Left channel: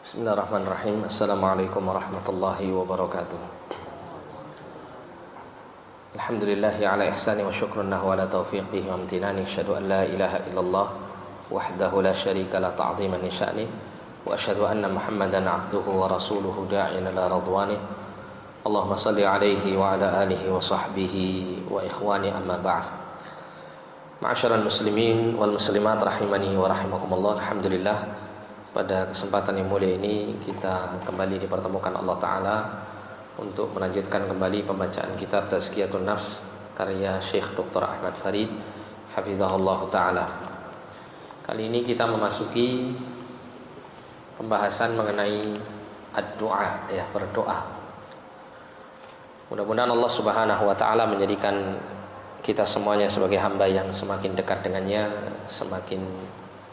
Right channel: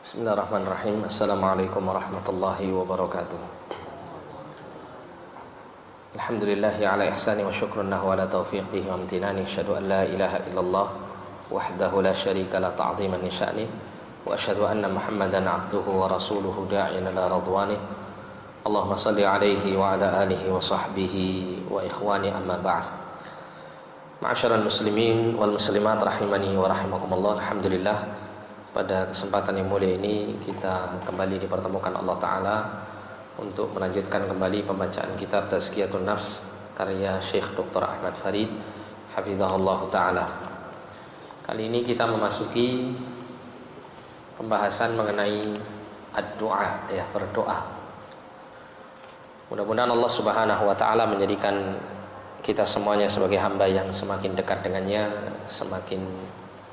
Bismillahirrahmanirrahim. Assalamualaikum warahmatullahi wabarakatuh. Alhamdulillahi ala ihsani wa syukrunnahu ala taufiqihi wa amtinani. Asyhadu an la ilaha illallah wahdahu la syarika la ta'ziman li sya'ni wa asyhadu anna Muhammadan abduhu wa rasuluhu da'iyan ila radwanih. Allahumma salli alaihi wa ala alihi wa sahbihi wa ikhwani amma ba'd. Ma'asyiral muslimin wal muslimat rahimani wa rahimakumullah. Alhamdulillah, pada kesempatan yang mulia ini kita kembali dipertemukan Allah Ta'ala untuk melanjutkan kembali pembacaan kitab Tazkiyatun Nafs karya Syekh Dr. Ahmad Farid hafizahullah Ta'ala. Kali ini kita memasuki pembahasan mengenai ad-du'a, ya, berdoa. Mudah-mudahan Allah Subhanahu wa Ta'ala menjadikan kita semuanya sebagai hamba yang semakin dekat dengannya, semakin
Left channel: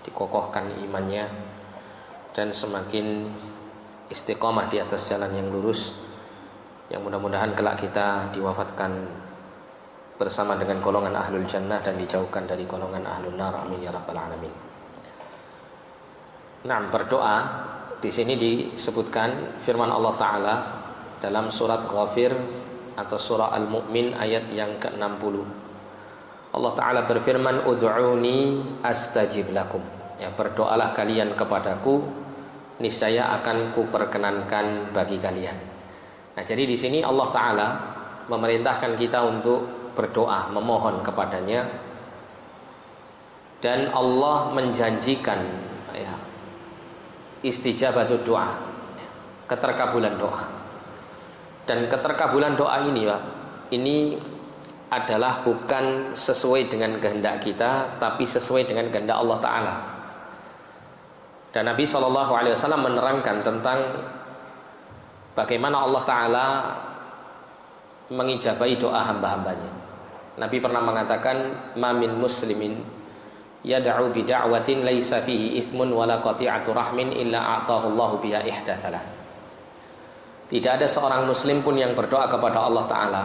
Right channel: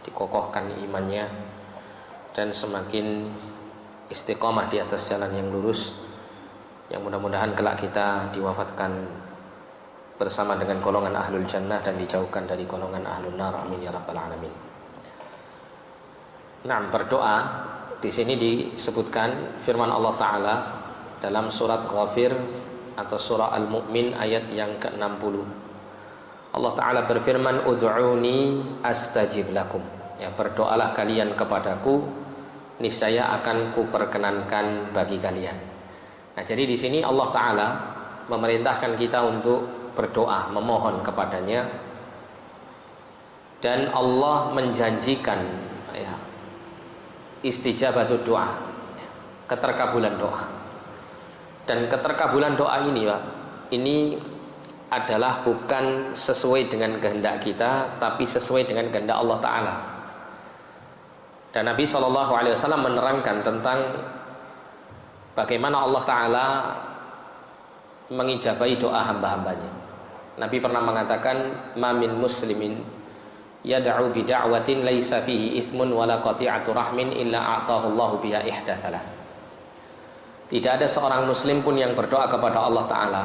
dikokohkan imannya, dan semakin istiqomah di atas jalan yang lurus, yang mudah-mudahan kelak kita diwafatkan bersama dengan golongan ahlul jannah dan dijauhkan dari golongan ahlul nar. Amin ya rabbal alamin. Nah, berdoa di sini disebutkan firman Allah Ta'ala dalam surat Ghafir atau surah Al-Mu'min ayat yang ke-60. Allah Ta'ala berfirman, ud'uni astajib lakum. Ya, berdoalah kalian kepadaku, niscaya akan kuperkenankan bagi kalian. Nah, jadi di sini Allah Ta'ala memerintahkan kita untuk berdoa, memohon kepadanya, dan Allah menjanjikan, ya, istijabatul doa, keterkabulan doa. Dan keterkabulan doa ini, Pak, ini adalah bukan sesuai dengan kehendak kita, tapi sesuai dengan kehendak Allah Ta'ala. Dan Nabi SAW menerangkan tentang bagaimana Allah Ta'ala mengijabahi doa hamba-hambanya. Nabi pernah mengatakan, ma min muslimin yad'u bida'watin laisa fihi ithmun wala qati'atu rahmin illa a'tahu Allahu biha ihda thalath. Tidak ada seorang muslim pun yang berdoa kepada Allah Ta'ala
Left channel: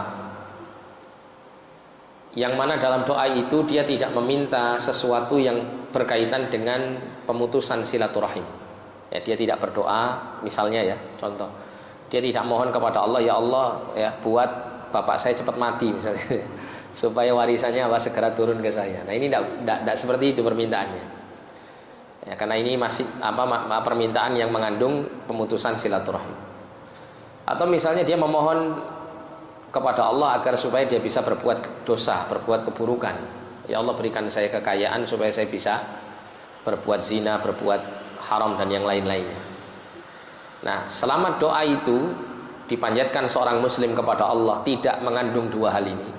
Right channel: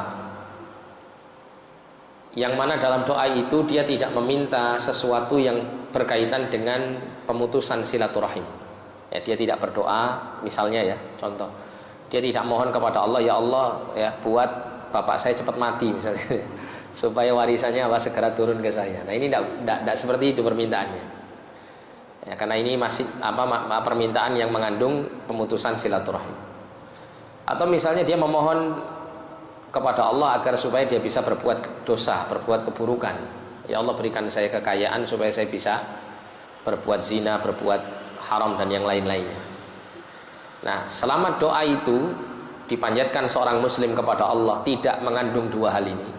yang mana dalam doa itu dia tidak meminta sesuatu yang berkaitan dengan pemutusan silaturahim. Ya, dia tidak berdoa, misalnya, ya, contoh, dia tidak mohon kepada Allah, ya Allah, ya, buat bapak saya cepat mati misalnya supaya warisannya segera turun ke saya. Nah, ini tidak seperti itu permintaannya. Ya, karena ini masih permintaan yang mengandung pemutusan silaturahim. Atau misalnya dia memohon kepada Allah agar supaya dia bisa berbuat dosa, berbuat keburukan. Ya Allah, berikan saya kekayaan supaya saya bisa berbuat zina, berbuat haram dan yang lain-lainnya. Nah, selama doa itu dipanjatkan seorang muslim kepada Allah tidak mengandung dua hal ini,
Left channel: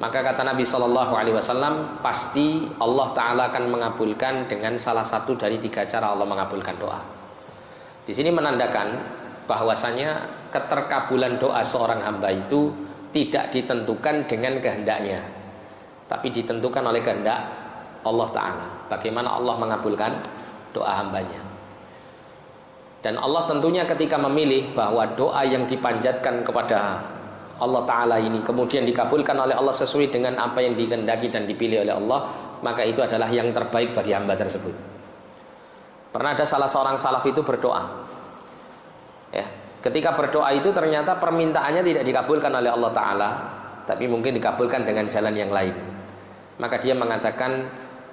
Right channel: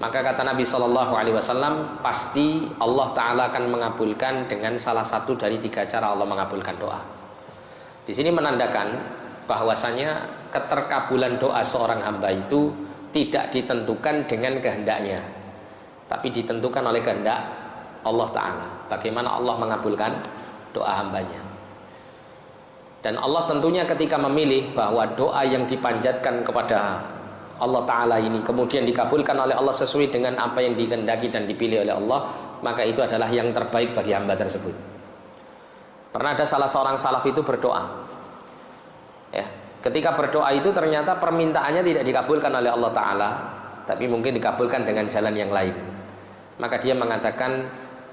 maka kata Nabi SAW, pasti Allah Ta'ala akan mengabulkan dengan salah satu dari tiga cara Allah mengabulkan doa. Di sini menandakan bahwasanya keterkabulan doa seorang hamba itu tidak ditentukan dengan kehendaknya, tapi ditentukan oleh kehendak Allah Ta'ala, bagaimana Allah mengabulkan doa hambanya. Dan Allah tentunya ketika memilih bahwa doa yang dipanjatkan kepada Allah Ta'ala ini kemudian dikabulkan oleh Allah sesuai dengan apa yang dikehendaki dan dipilih oleh Allah, maka itu adalah yang terbaik bagi hamba tersebut. Pernah ada salah seorang salaf itu berdoa, ya, ketika berdoa itu ternyata permintaannya tidak dikabulkan oleh Allah Ta'ala, tapi mungkin dikabulkan dengan jalan yang lain. Maka dia mengatakan,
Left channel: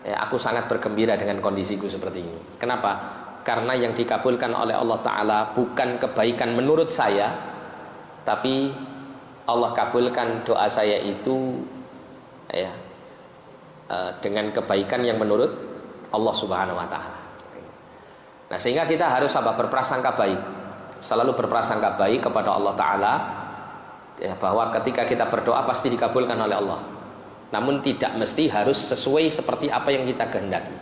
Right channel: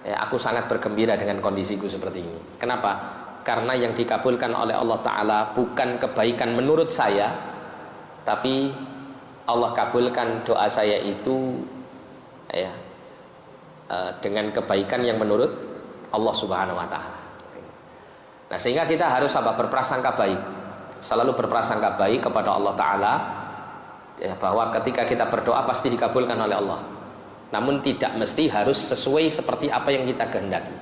ya, aku sangat bergembira dengan kondisiku seperti ini. Kenapa? Karena yang dikabulkan oleh Allah Ta'ala bukan kebaikan menurut saya, tapi Allah kabulkan doa saya itu, ya, dengan kebaikan yang menurut Allah Subhanahu wa Ta'ala. Nah, sehingga kita harus berprasangka baik, selalu berprasangka baik kepada Allah Ta'ala, ya, bahwa ketika kita berdoa pasti dikabulkan oleh Allah. Namun tidak mesti harus sesuai seperti apa yang kita kehendaki.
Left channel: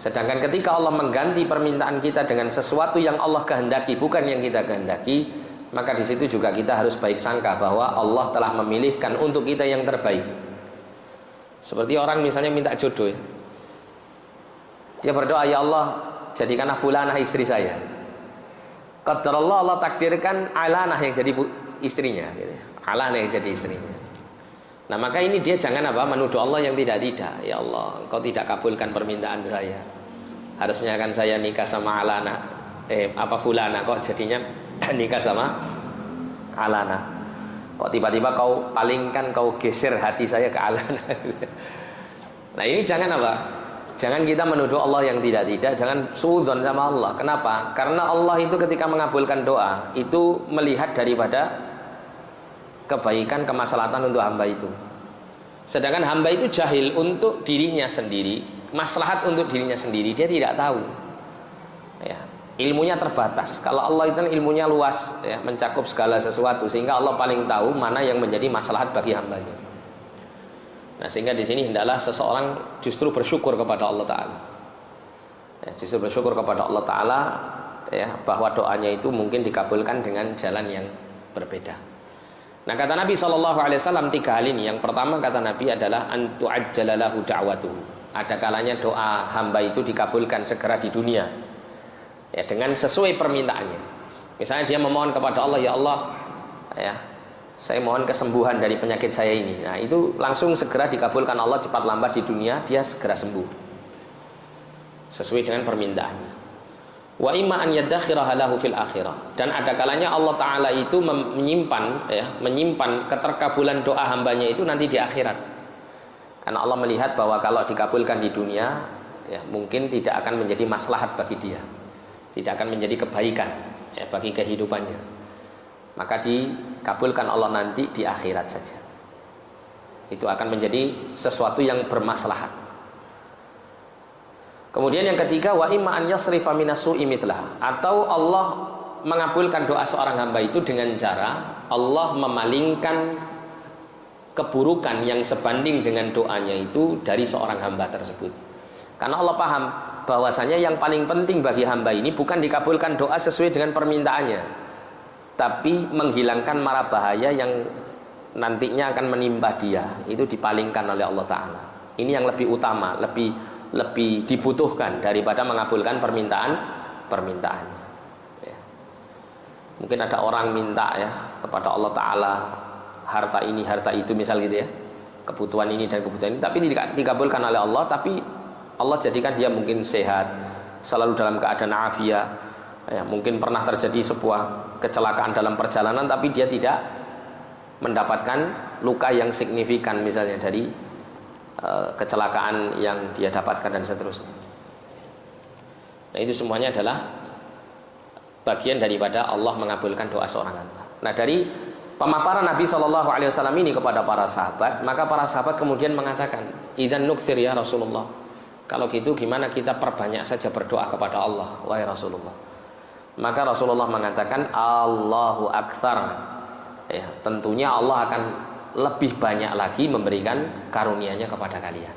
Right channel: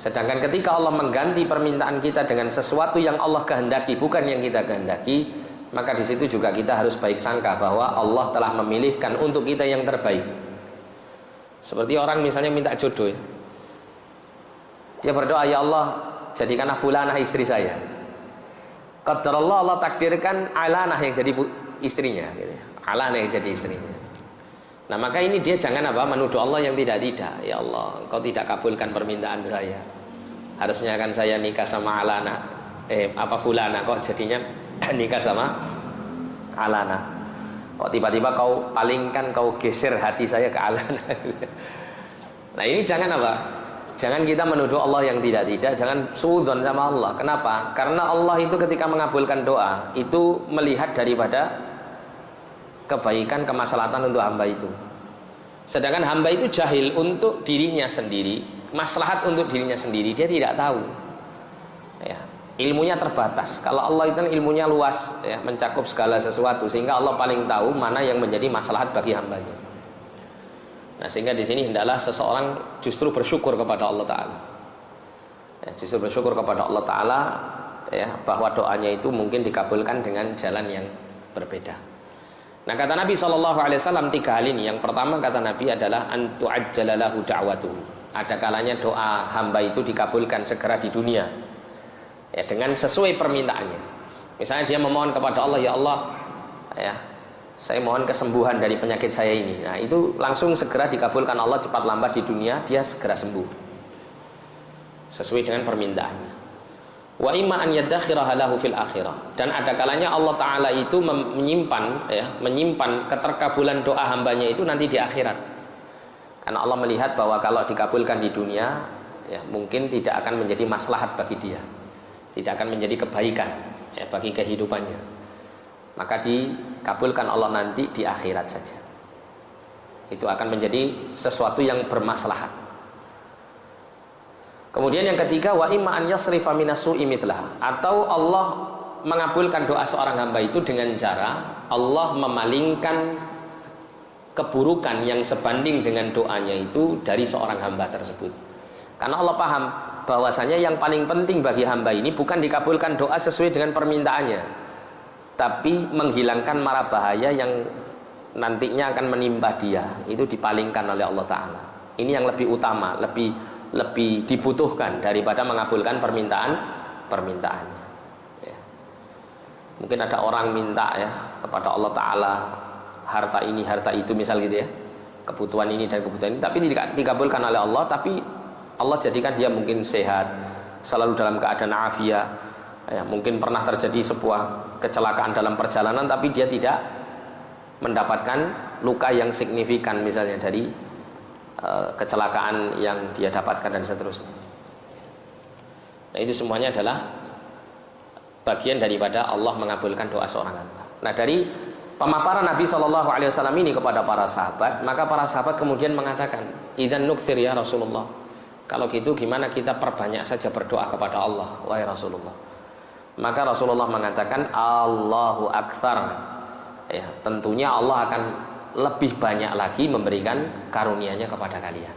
Sedangkan ketika Allah mengganti permintaan kita dengan sesuatu yang Allah kehendaki, bukan yang kita kehendaki, maka di situ juga kita harus baik sangka bahwa Allah telah memilihkan untuk kita yang terbaik. Seperti orang misalnya minta jodoh, ya. Dia berdoa, ya Allah, jadikanlah fulanah istri saya. Qadarullah, Allah takdirkan Alanah yang jadi istrinya, gitu. Alanah yang jadi istrinya. Nah, maka ini dia jangan menuduh Allah yang tidak-tidak. Ya Allah, Engkau tidak kabulkan permintaan saya. Harusnya kan saya nikah sama Alana, Fulana, kok jadinya nikah sama Alana. Kok tiba-tiba kau palingkan, kau geser hati saya ke Alana. Nah ini jangan apa? Jangan kita menuduh Allah yang tidak-tidak. Jangan suudzon sama Allah. Kenapa? Karena Allah itu ketika mengabulkan doa itu melihat daripada kebaikan, kemaslahatan untuk hamba itu. Sedangkan hamba itu jahil untuk dirinya sendiri, maslahat untuk dirinya sendiri dia tidak tahu. Ya, ilmunya terbatas. Kalau Allah itu ilmunya luas, ya, mencakup segala sesuatu, sehingga Allah paling tahu mana yang menjadi maslahat bagi hambanya. Nah, sehingga di sini hendaklah seseorang justru bersyukur kepada Allah Taala. Ya, justru bersyukur kepada Allah Taala, ya, bahwa doanya itu mungkin dikabulkan dengan jalan yang berbeda. Nah, kata Nabi SAW 3 hal ini. Yang pertama kata Nabi adalah antu ajjalalahu da'watuhu. Ada kalanya doa hamba itu dikabulkan segera di dunia, ya, dengan sesuai permintaannya. Misalnya dia memohon kepada Allah, ya Allah, ya, saya mohon kesembuhan dari penyakit saya ini. Nah itu langsung segera dikabulkan Allah, cepat lambat di dunia dia segera sembuh sesuai dengan permintaannya. Wa imma an yaddakhiraha lahu fil akhirah. Dan ada kalanya Allah Ta'ala itu menyimpan, ya, menyimpan keterkabulan doa hambanya itu nanti di akhirat. Karena Allah melihat bahwa kalau dikabulkan di dunia, ya, mungkin tidak akan menjadi maslahat bagi dia, tidak akan menjadi kebaikan, ya, bagi kehidupannya. Maka dikabulkan Allah nanti di akhirat saja. Itu akan menjadi sesuatu yang bermaslahat. Kemudian yang ketiga, wa imma an yasrifa minasu'i mithlah. Atau Allah mengabulkan doa seorang hamba itu dengan cara Allah memalingkan keburukan yang sebanding dengan doanya itu dari seorang hamba tersebut. Karena Allah paham bahwasanya yang paling penting bagi hamba ini bukan dikabulkan doa sesuai dengan permintaannya, tapi menghilangkan mara bahaya yang nantinya akan menimpa dia, itu dipalingkan oleh Allah Ta'ala. Ini yang lebih utama, lebih dibutuhkan daripada mengabulkan permintaannya, ya. Mungkin ada orang minta, ya, kepada Allah Ta'ala harta ini, harta itu, misal gitu, ya, kebutuhan ini dan kebutuhan ini, tapi tidak dikabulkan oleh Allah. Tapi Allah jadikan dia mungkin sehat, selalu dalam keadaan afiat, ya, mungkin pernah terjadi sebuah kecelakaan dalam perjalanan, tapi dia tidak mendapatkan luka yang signifikan misalnya dari kecelakaan yang dia dapatkan dan seterusnya. Nah itu semuanya adalah bagian daripada Allah mengabulkan doa seorang hamba. Nah dari pemaparan Nabi SAW ini kepada para sahabat, maka para sahabat kemudian mengatakan, idzan nukthir ya Rasulullah, kalau gitu gimana kita perbanyak saja berdoa kepada Allah, wahai Rasulullah. Maka Rasulullah mengatakan Allahu Aktsar, ya, tentunya Allah akan lebih banyak lagi memberikan karunia-Nya kepada kalian.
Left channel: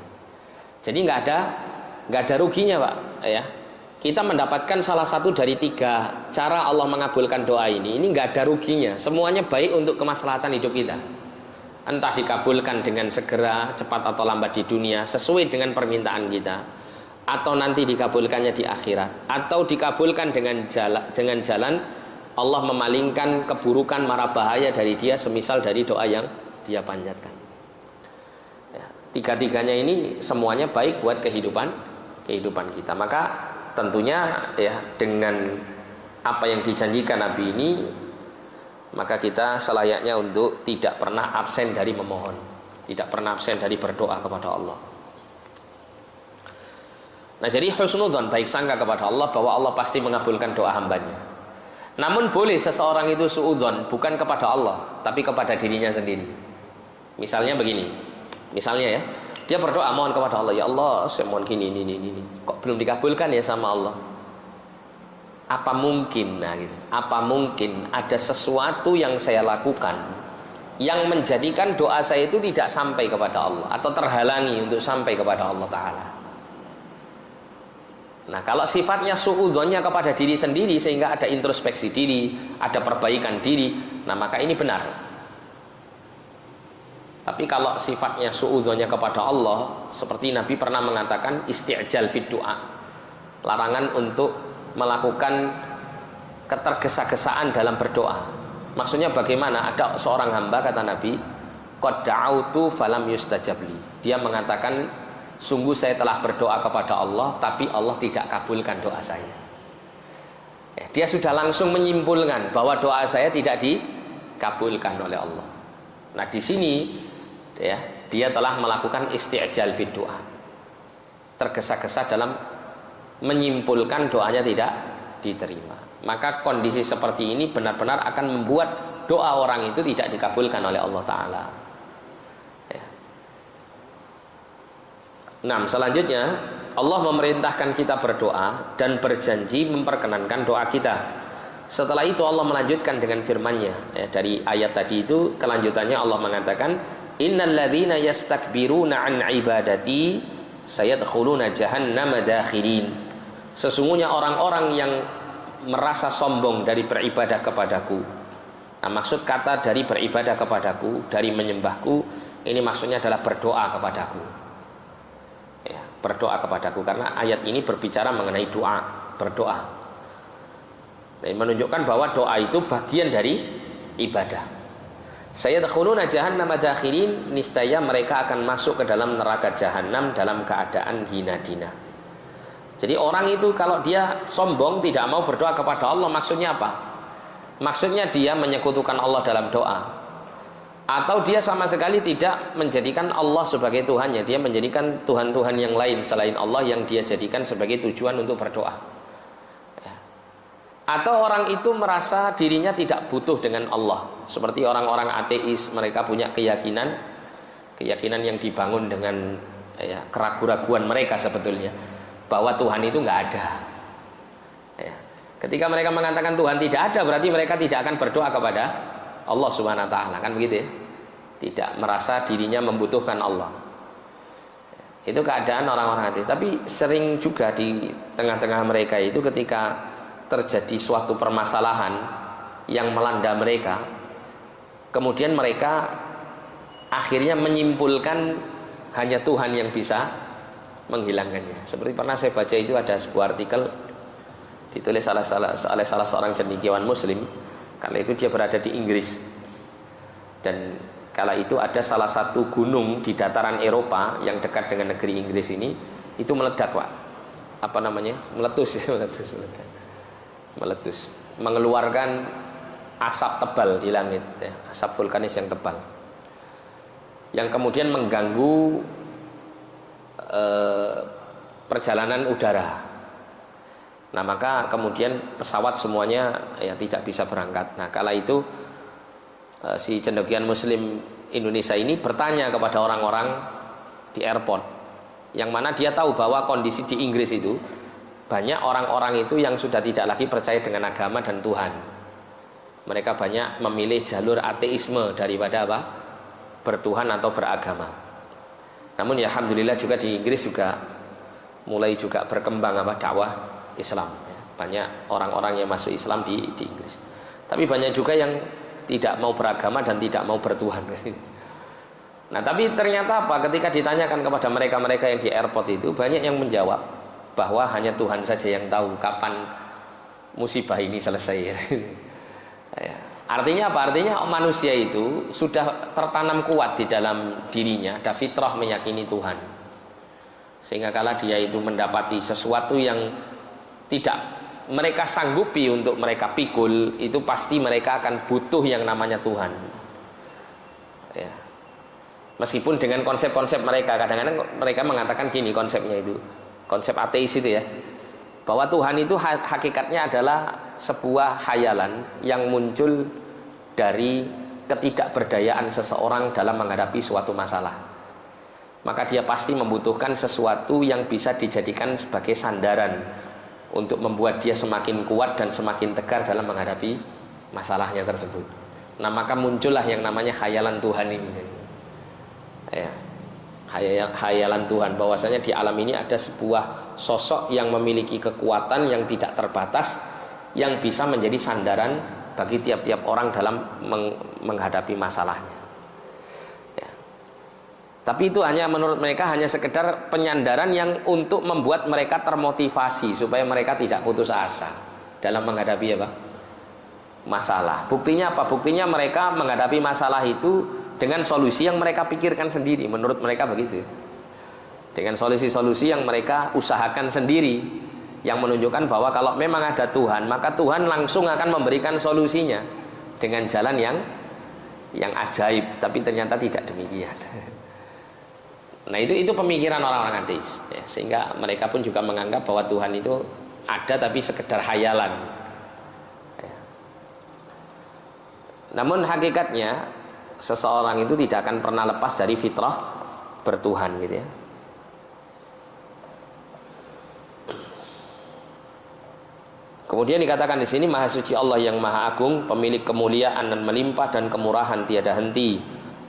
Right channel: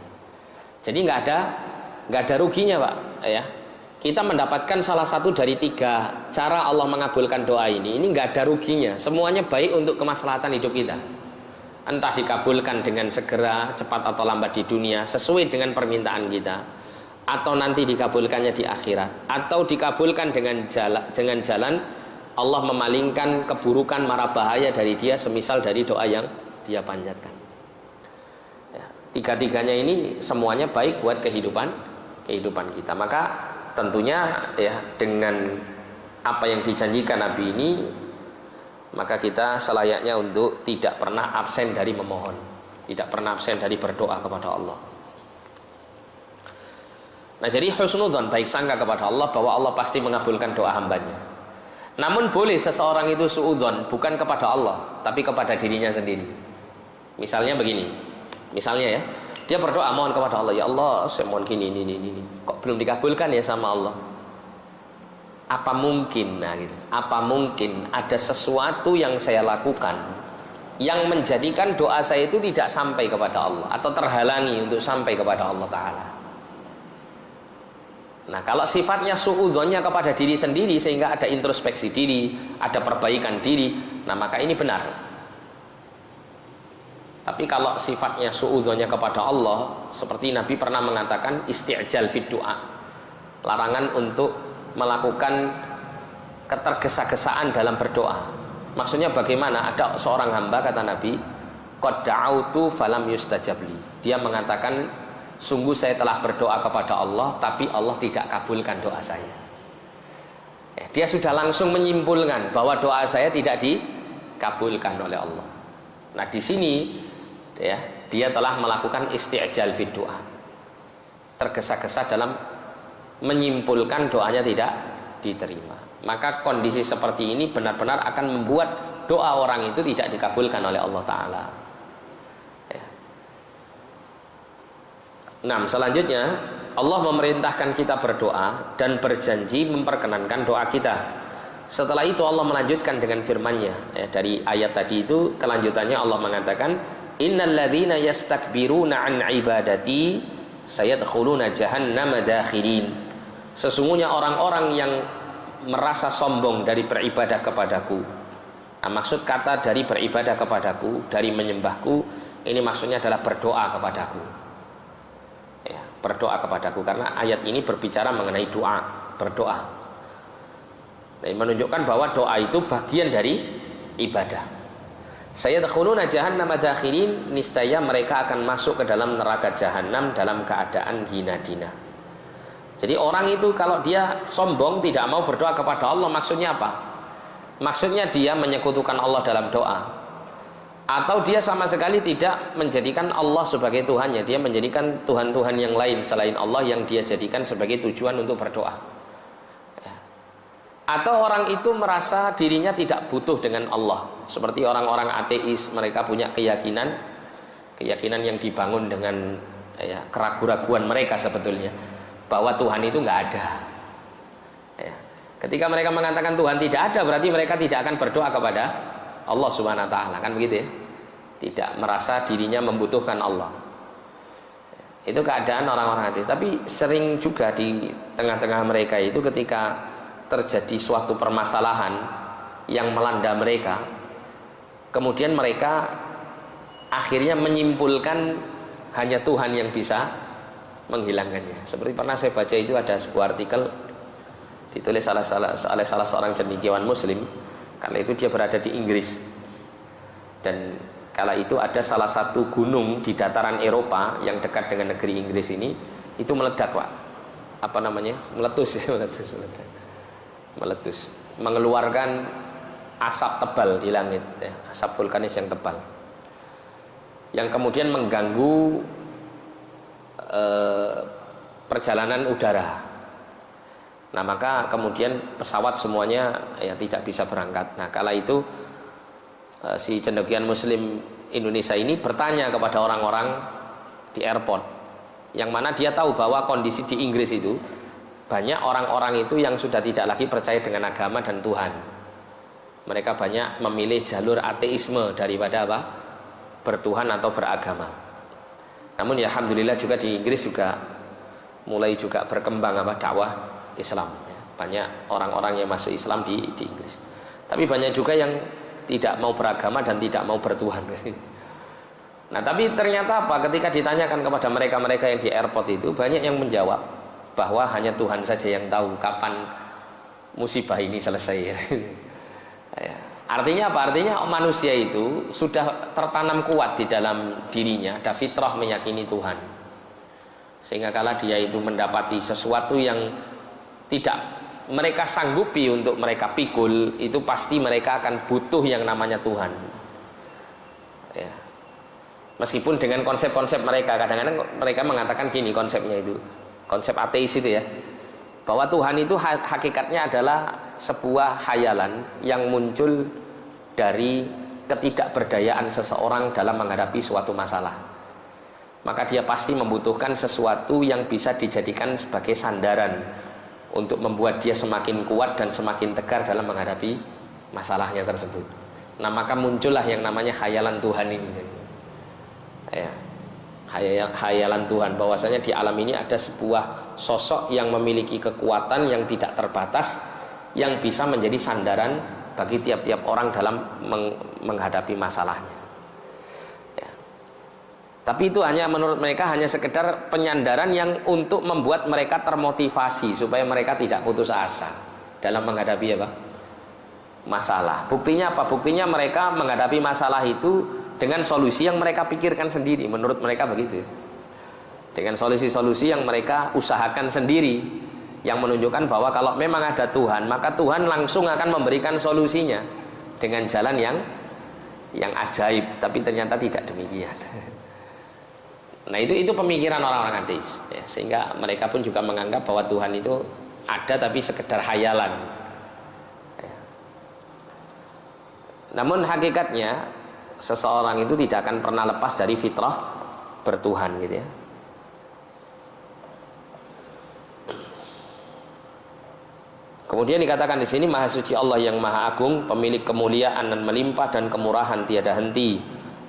Jadi nggak ada ruginya, Pak, ya. Kita mendapatkan salah satu dari 3 cara Allah mengabulkan doa ini nggak ada ruginya. Semuanya baik untuk kemaslahatan hidup kita. Entah dikabulkan dengan segera, cepat atau lambat di dunia sesuai dengan permintaan kita, atau nanti dikabulkannya di akhirat, atau dikabulkan dengan jalan Allah memalingkan keburukan, mara bahaya dari dia, semisal dari doa yang dia panjatkan. Ya, 3-tiganya ini semuanya baik buat kehidupan kita. Maka tentunya, ya, dengan apa yang dijanjikan Nabi ini, maka kita selayaknya untuk tidak pernah absen dari memohon, tidak pernah absen dari berdoa kepada Allah. Nah jadi husnudzon, baik sangka kepada Allah bahwa Allah pasti mengabulkan doa hambanya. Namun boleh seseorang itu suudzon bukan kepada Allah, tapi kepada dirinya sendiri. Misalnya begini, misalnya, ya, dia berdoa mohon kepada Allah, ya Allah saya mohon gini, kok belum dikabulkan ya sama Allah. Apa mungkin, nah gitu, apa mungkin ada sesuatu yang saya lakukan yang menjadikan doa saya itu tidak sampai kepada Allah, atau terhalangi untuk sampai kepada Allah Ta'ala. Nah kalau sifatnya suudzonnya kepada diri sendiri, sehingga ada introspeksi diri, ada perbaikan diri, nah maka ini benar. Tapi kalau sifatnya suudzonnya kepada Allah, seperti Nabi pernah mengatakan isti'jal fid du'a, larangan untuk melakukan ketergesa-gesaan dalam berdoa. Maksudnya bagaimana? Ada seorang hamba, kata Nabi, qad da'autu falam yustajab li. Dia mengatakan, sungguh saya telah berdoa kepada Allah, tapi Allah tidak kabulkan doa saya. Dia sudah langsung menyimpulkan bahwa doa saya tidak dikabulkan oleh Allah. Nah di sini ya, dia telah melakukan isti'jal fid doa, tergesa-gesa dalam menyimpulkan doanya tidak diterima. Maka kondisi seperti ini benar-benar akan membuat doa orang itu tidak dikabulkan oleh Allah Ta'ala. Nah, selanjutnya Allah memerintahkan kita berdoa dan berjanji memperkenankan doa kita. Setelah itu Allah melanjutkan dengan firman-Nya. Dari ayat tadi itu kelanjutannya Allah mengatakan, innal ladzina yastakbiruna an ibadati sayadkhuluna jahannama dakhirin. Sesungguhnya orang-orang yang merasa sombong dari beribadah kepadaku. Nah, maksud kata dari beribadah kepadaku, dari menyembahku, ini maksudnya adalah berdoa kepadaku. Berdoa kepadaku, karena ayat ini berbicara mengenai doa, berdoa. Nah, menunjukkan bahwa doa itu bagian dari ibadah. Sayadkhuluna jahannama dakhirin, niscaya mereka akan masuk ke dalam neraka jahanam dalam keadaan hina dina. Jadi orang itu kalau dia sombong tidak mau berdoa kepada Allah, maksudnya apa? Maksudnya dia menyekutukan Allah dalam doa, atau dia sama sekali tidak menjadikan Allah sebagai Tuhannya. Dia menjadikan Tuhan-Tuhan yang lain selain Allah yang dia jadikan sebagai tujuan untuk berdoa. Atau orang itu merasa dirinya tidak butuh dengan Allah, seperti orang-orang ateis. Mereka punya keyakinan yang dibangun dengan keraguan-raguan mereka sebetulnya, bahwa Tuhan itu nggak ada. Ketika mereka mengatakan Tuhan tidak ada, berarti mereka tidak akan berdoa kepada Allah Subhanahu wa Ta'ala, kan begitu ya? Tidak merasa dirinya membutuhkan Allah. Itu keadaan orang-orang ateis. Tapi sering juga di tengah-tengah mereka itu, ketika terjadi suatu permasalahan yang melanda mereka, kemudian mereka akhirnya menyimpulkan hanya Tuhan yang bisa menghilangkannya. Seperti pernah saya baca itu, ada sebuah artikel ditulis oleh salah seorang cendekiawan Muslim. Karena itu dia berada di Inggris, dan kala itu ada salah satu gunung di dataran Eropa yang dekat dengan negeri Inggris ini, itu meledak, Pak. Apa namanya? Meletus, meletus, mengeluarkan asap tebal di langit, asap vulkanis yang tebal, yang kemudian mengganggu perjalanan udara. Nah, maka kemudian pesawat semuanya tidak bisa berangkat. Nah, kala itu si cendekiawan Muslim Indonesia ini bertanya kepada orang-orang di airport, yang mana dia tahu bahwa kondisi di Inggris itu banyak orang-orang itu yang sudah tidak lagi percaya dengan agama dan Tuhan. Mereka banyak memilih jalur ateisme daripada apa? Bertuhan atau beragama. Namun ya alhamdulillah juga di Inggris juga mulai juga berkembang dakwah Islam. Banyak orang-orang yang masuk Islam di Inggris. Tapi banyak juga yang tidak mau beragama dan tidak mau bertuhan. Nah, tapi ternyata apa? Ketika ditanyakan kepada mereka-mereka yang di airport itu, banyak yang menjawab bahwa hanya Tuhan saja yang tahu kapan musibah ini selesai. Artinya apa? Artinya manusia itu sudah tertanam kuat di dalam dirinya, ada fitrah meyakini Tuhan. Sehingga kala dia itu mendapati sesuatu yang tidak mereka sanggupi untuk mereka pikul, itu pasti mereka akan butuh yang namanya Tuhan. Ya. Meskipun dengan konsep-konsep mereka, kadang-kadang mereka mengatakan gini konsepnya itu, konsep ateis itu ya, bahwa Tuhan itu hakikatnya adalah sebuah khayalan yang muncul dari ketidakberdayaan seseorang dalam menghadapi suatu masalah. Maka dia pasti membutuhkan sesuatu yang bisa dijadikan sebagai sandaran untuk membuat dia semakin kuat dan semakin tegar dalam menghadapi masalahnya tersebut. Nah, maka muncullah yang namanya khayalan Tuhan ini. Ya, khayalan Tuhan, bahwasanya di alam ini ada sebuah sosok yang memiliki kekuatan yang tidak terbatas, yang bisa menjadi sandaran bagi tiap-tiap orang dalam menghadapi masalahnya. Tapi itu hanya menurut mereka hanya sekedar penyandaran yang untuk membuat mereka termotivasi supaya mereka tidak putus asa dalam menghadapi masalah. Buktinya apa? Buktinya mereka menghadapi masalah itu dengan solusi yang mereka pikirkan sendiri, menurut mereka begitu. dengan solusi-solusi yang mereka usahakan sendiri, yang menunjukkan bahwa kalau memang ada Tuhan, maka Tuhan langsung akan memberikan solusinya dengan jalan yang ajaib. Tapi ternyata tidak demikian. Nah itu pemikiran orang-orang ateis ya, sehingga mereka pun juga menganggap bahwa Tuhan itu ada tapi sekedar hayalan ya. Namun hakikatnya seseorang itu tidak akan pernah lepas dari fitrah bertuhan gitu ya. Kemudian dikatakan di sini, Maha Suci Allah yang Maha Agung, pemilik kemuliaan dan melimpah dan kemurahan tiada henti,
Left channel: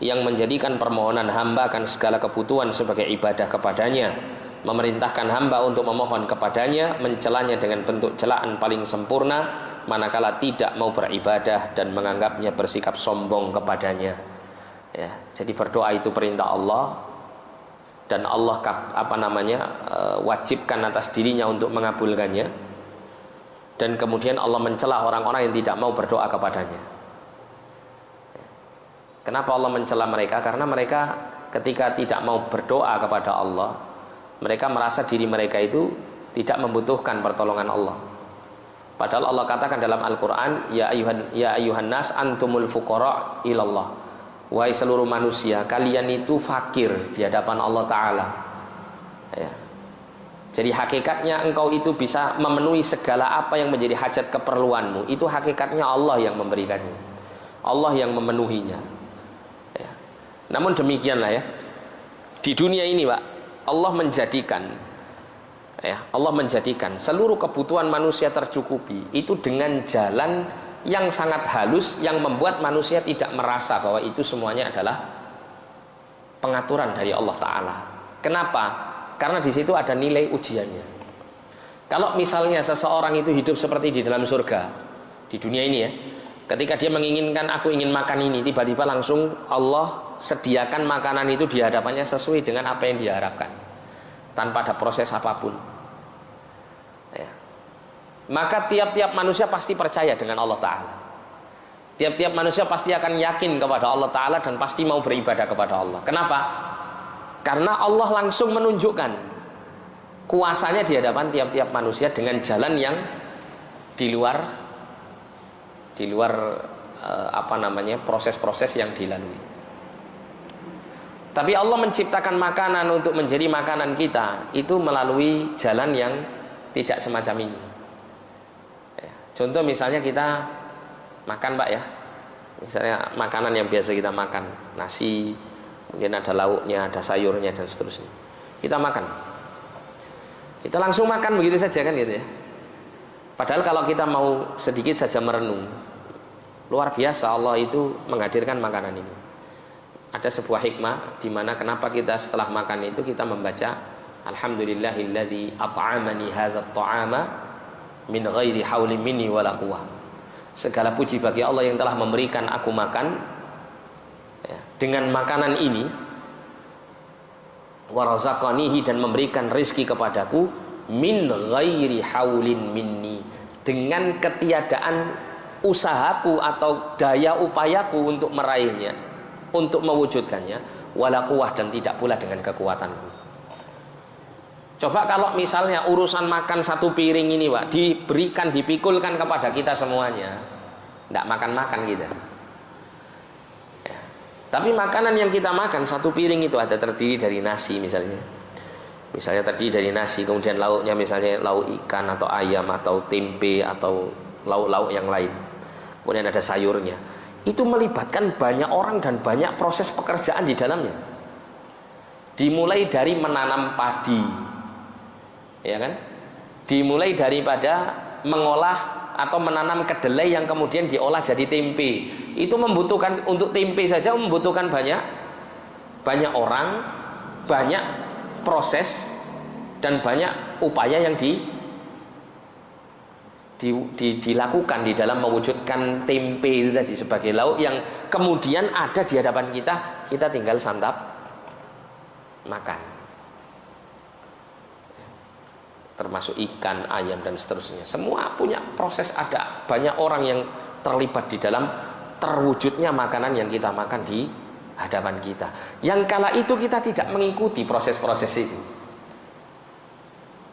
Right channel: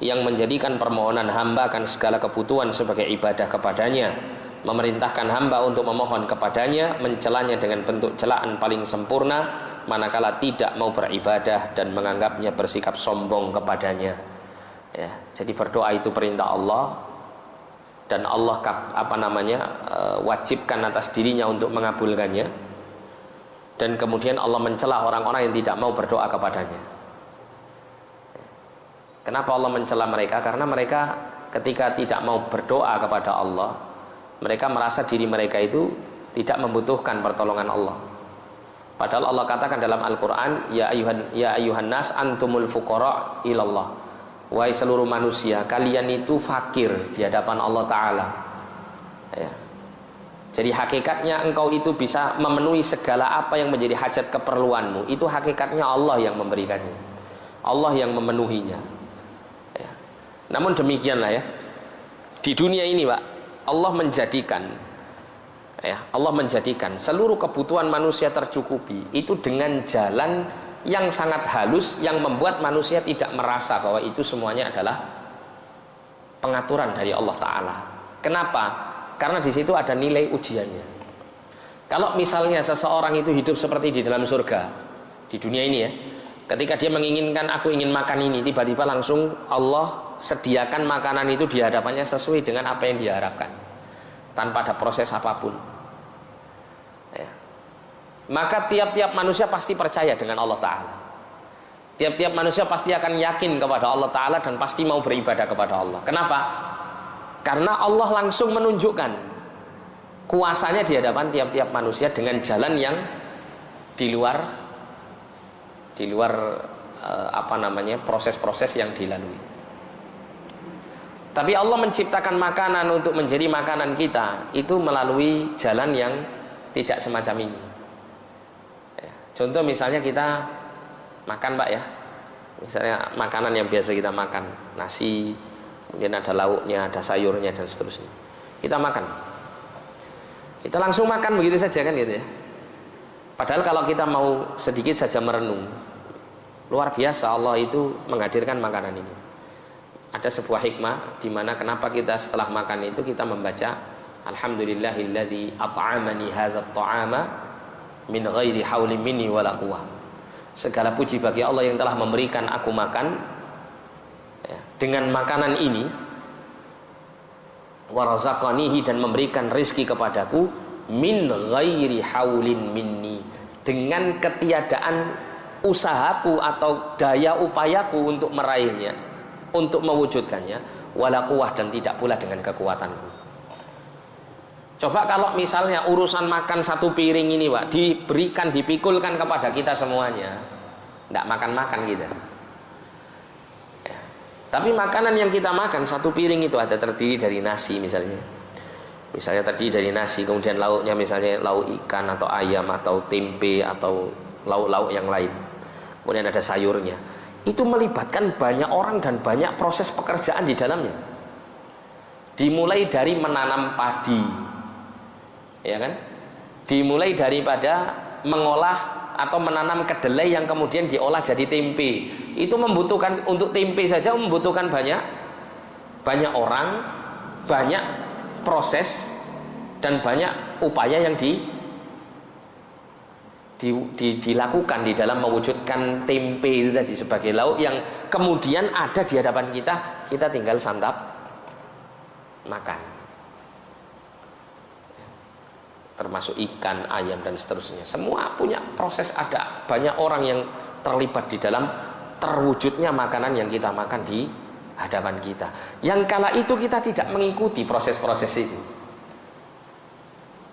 yang menjadikan permohonan hamba akan segala kebutuhan sebagai ibadah kepadanya, memerintahkan hamba untuk memohon kepadanya, mencelanya dengan bentuk celaan paling sempurna, manakala tidak mau beribadah dan menganggapnya bersikap sombong kepadanya. Ya, jadi berdoa itu perintah Allah, dan Allah wajibkan atas dirinya untuk mengabulkannya, dan kemudian Allah mencela orang-orang yang tidak mau berdoa kepadanya. Kenapa Allah mencela mereka? Karena mereka ketika tidak mau berdoa kepada Allah, mereka merasa diri mereka itu tidak membutuhkan pertolongan Allah. Padahal Allah katakan dalam Al-Quran, ya ayuhan nas antumul fuqara ilallah. Wahai seluruh manusia, kalian itu fakir di hadapan Allah Ta'ala ya. Jadi hakikatnya engkau itu bisa memenuhi segala apa yang menjadi hajat keperluanmu. Itu hakikatnya Allah yang memberikannya, Allah yang memenuhinya. Namun demikianlah ya, di dunia ini Pak, Allah menjadikan seluruh kebutuhan manusia tercukupi itu dengan jalan yang sangat halus, yang membuat manusia tidak merasa bahwa itu semuanya adalah pengaturan dari Allah Ta'ala. Kenapa? Karena di situ ada nilai ujiannya. Kalau misalnya seseorang itu hidup seperti di dalam surga, di dunia ini ya, ketika dia menginginkan, aku ingin makan ini, tiba-tiba langsung Allah sediakan makanan itu di hadapannya sesuai dengan apa yang diharapkan, tanpa ada proses apapun ya. Maka tiap-tiap manusia pasti percaya dengan Allah Ta'ala. Tiap-tiap manusia pasti akan yakin kepada Allah Ta'ala dan pasti mau beribadah kepada Allah. Kenapa? Karena Allah langsung menunjukkan kuasanya di hadapan tiap-tiap manusia dengan jalan yang di luar proses-proses yang dilalui. Tapi Allah menciptakan makanan untuk menjadi makanan kita itu melalui jalan yang tidak semacam ini ya. Contoh misalnya kita makan Pak ya, misalnya makanan yang biasa kita makan, nasi, kemudian ada lauknya, ada sayurnya dan seterusnya. Kita makan, kita langsung makan begitu saja kan gitu ya. Padahal kalau kita mau sedikit saja merenung, luar biasa Allah itu menghadirkan makanan ini. Ada sebuah hikmah di mana kenapa kita setelah makan itu kita membaca alhamdulillahilladzi at'amani hadzal ta'ama min ghairi haulin minni wala quwwah. Segala puji bagi Allah yang telah memberikan aku makan ya, dengan makanan ini, wa razaqanihi, dan memberikan rezeki kepadaku, min ghairi haulin minni, dengan ketiadaan usahaku atau daya upayaku untuk meraihnya, untuk mewujudkannya, wala quwwah, dan tidak pula dengan kekuatanku. Coba kalau misalnya urusan makan satu piring ini Pak diberikan, dipikulkan kepada kita semuanya, tidak makan-makan kita ya. Tapi makanan yang kita makan satu piring itu ada terdiri dari nasi misalnya terdiri dari nasi, kemudian lauknya misalnya lauk ikan atau ayam atau tempe atau lauk-lauk yang lain, kemudian ada sayurnya. Itu melibatkan banyak orang dan banyak proses pekerjaan di dalamnya. Dimulai dari menanam padi, ya kan? Dimulai daripada mengolah atau menanam kedelai yang kemudian diolah jadi tempe. Itu membutuhkan, untuk tempe saja membutuhkan banyak orang, banyak proses, dan banyak upaya yang dilakukan di dalam mewujudkan tempe itu tadi sebagai lauk yang kemudian ada di hadapan kita, kita tinggal santap makan. Termasuk ikan, ayam dan seterusnya. Semua punya proses, ada banyak orang yang terlibat di dalam terwujudnya makanan yang kita makan di hadapan kita. Yang kala itu kita tidak mengikuti proses-proses itu.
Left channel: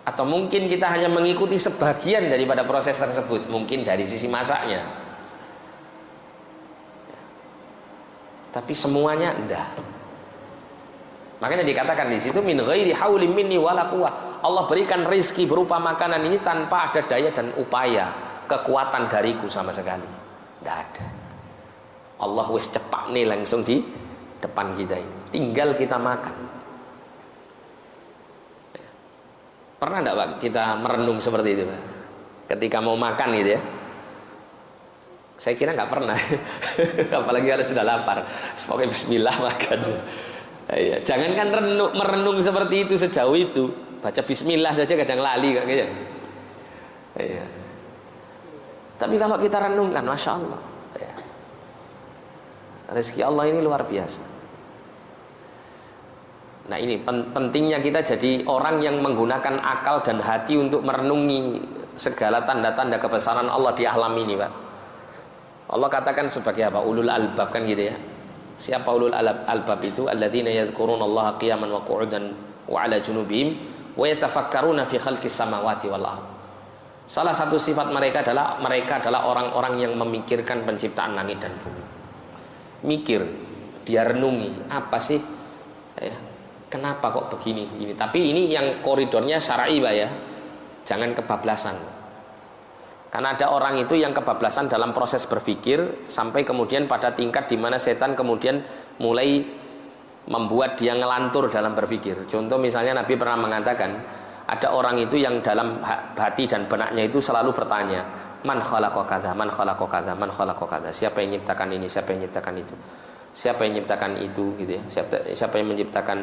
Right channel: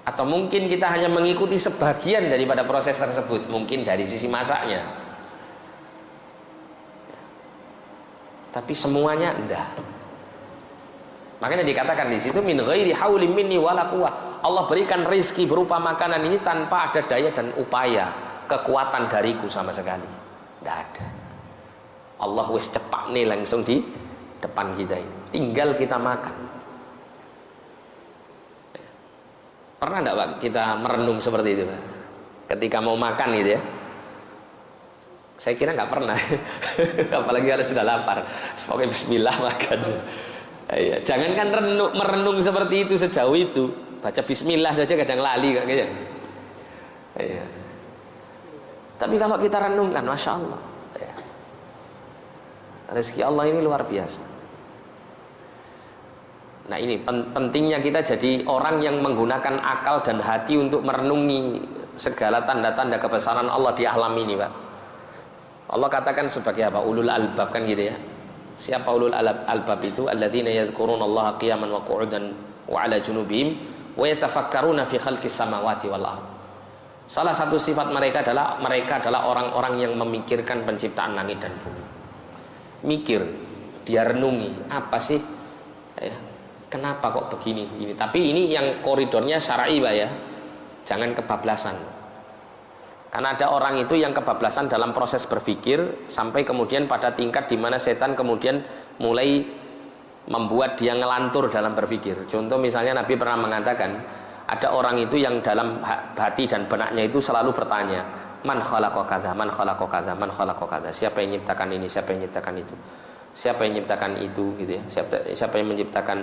Atau mungkin kita hanya mengikuti sebagian daripada proses tersebut, mungkin dari sisi masaknya. Tapi semuanya enggak. Makanya dikatakan di situ min ghairi haulin minni wala quwwah. Allah berikan rizki berupa makanan ini tanpa ada daya dan upaya, kekuatan dariku sama sekali. Enggak ada. Allah wis cepak nih langsung di depan kita ini. Tinggal kita makan. Pernah enggak Pak kita merenung seperti itu Pak? Ketika mau makan gitu ya? Saya kira nggak pernah. Apalagi kalau sudah lapar. Pokoknya bismillah makan. Ya, jangankan merenung seperti itu sejauh itu. Baca bismillah saja kadang lali kok gitu. Ya. Tapi kalau kita renungkan, masya Allah. Ya. Rezeki Allah ini luar biasa. Nah ini pentingnya kita jadi orang yang menggunakan akal dan hati untuk merenungi segala tanda-tanda kebesaran Allah di alam ini Pak. Allah katakan sebagai apa? Ulul albab kan gitu ya. Siapa ulul albab itu? Alladzina yadhkurunallaha qiyaman wa qu'udan wa 'ala junubihim wa yatafakkaruna fi khalqis samawati wal ardh. Salah satu sifat mereka adalah orang-orang yang memikirkan penciptaan langit dan bumi. Mikir, dia renungi, apa sih? Ya, kenapa kok begini? Tapi ini yang koridornya syar'i Pak ya. Jangan kebablasan. Karena ada orang itu yang kebablasan dalam proses berpikir sampai kemudian pada tingkat di mana setan kemudian mulai membuat dia ngelantur dalam berpikir. Contoh misalnya Nabi pernah mengatakan ada orang itu yang dalam hati dan benaknya itu selalu bertanya, man khalaqa kadza, man khalaqa kadza, man khalaqa kadza. Siapa yang menciptakan ini, siapa yang menciptakan itu? Siapa yang menciptakan itu gitu ya. Siapa yang menciptakan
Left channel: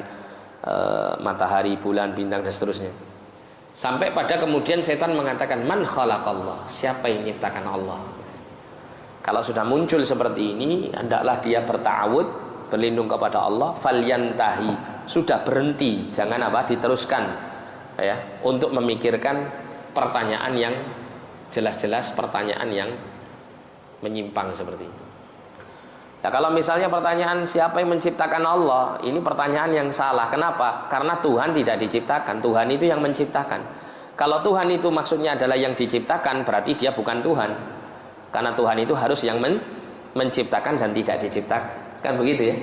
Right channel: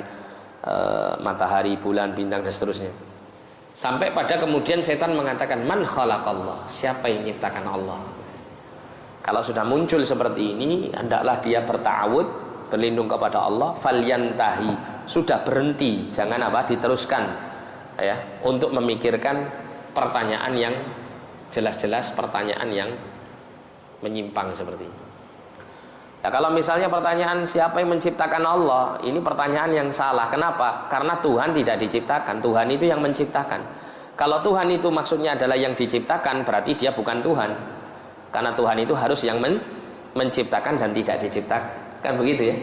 matahari, bulan, bintang dan seterusnya. Sampai pada kemudian setan mengatakan man khalaqallah, siapa yang menciptakan Allah. Kalau sudah muncul seperti ini, hendaklah dia berta'awud, berlindung kepada Allah, falyantahi, sudah berhenti, jangan apa diteruskan ya, untuk memikirkan pertanyaan yang jelas-jelas pertanyaan yang menyimpang seperti ini. Nah, kalau misalnya pertanyaan siapa yang menciptakan Allah, ini pertanyaan yang salah. Kenapa? Karena Tuhan tidak diciptakan, Tuhan itu yang menciptakan. Kalau Tuhan itu maksudnya adalah yang diciptakan, berarti dia bukan Tuhan. Karena Tuhan itu harus yang menciptakan dan tidak diciptakan. Kan begitu ya?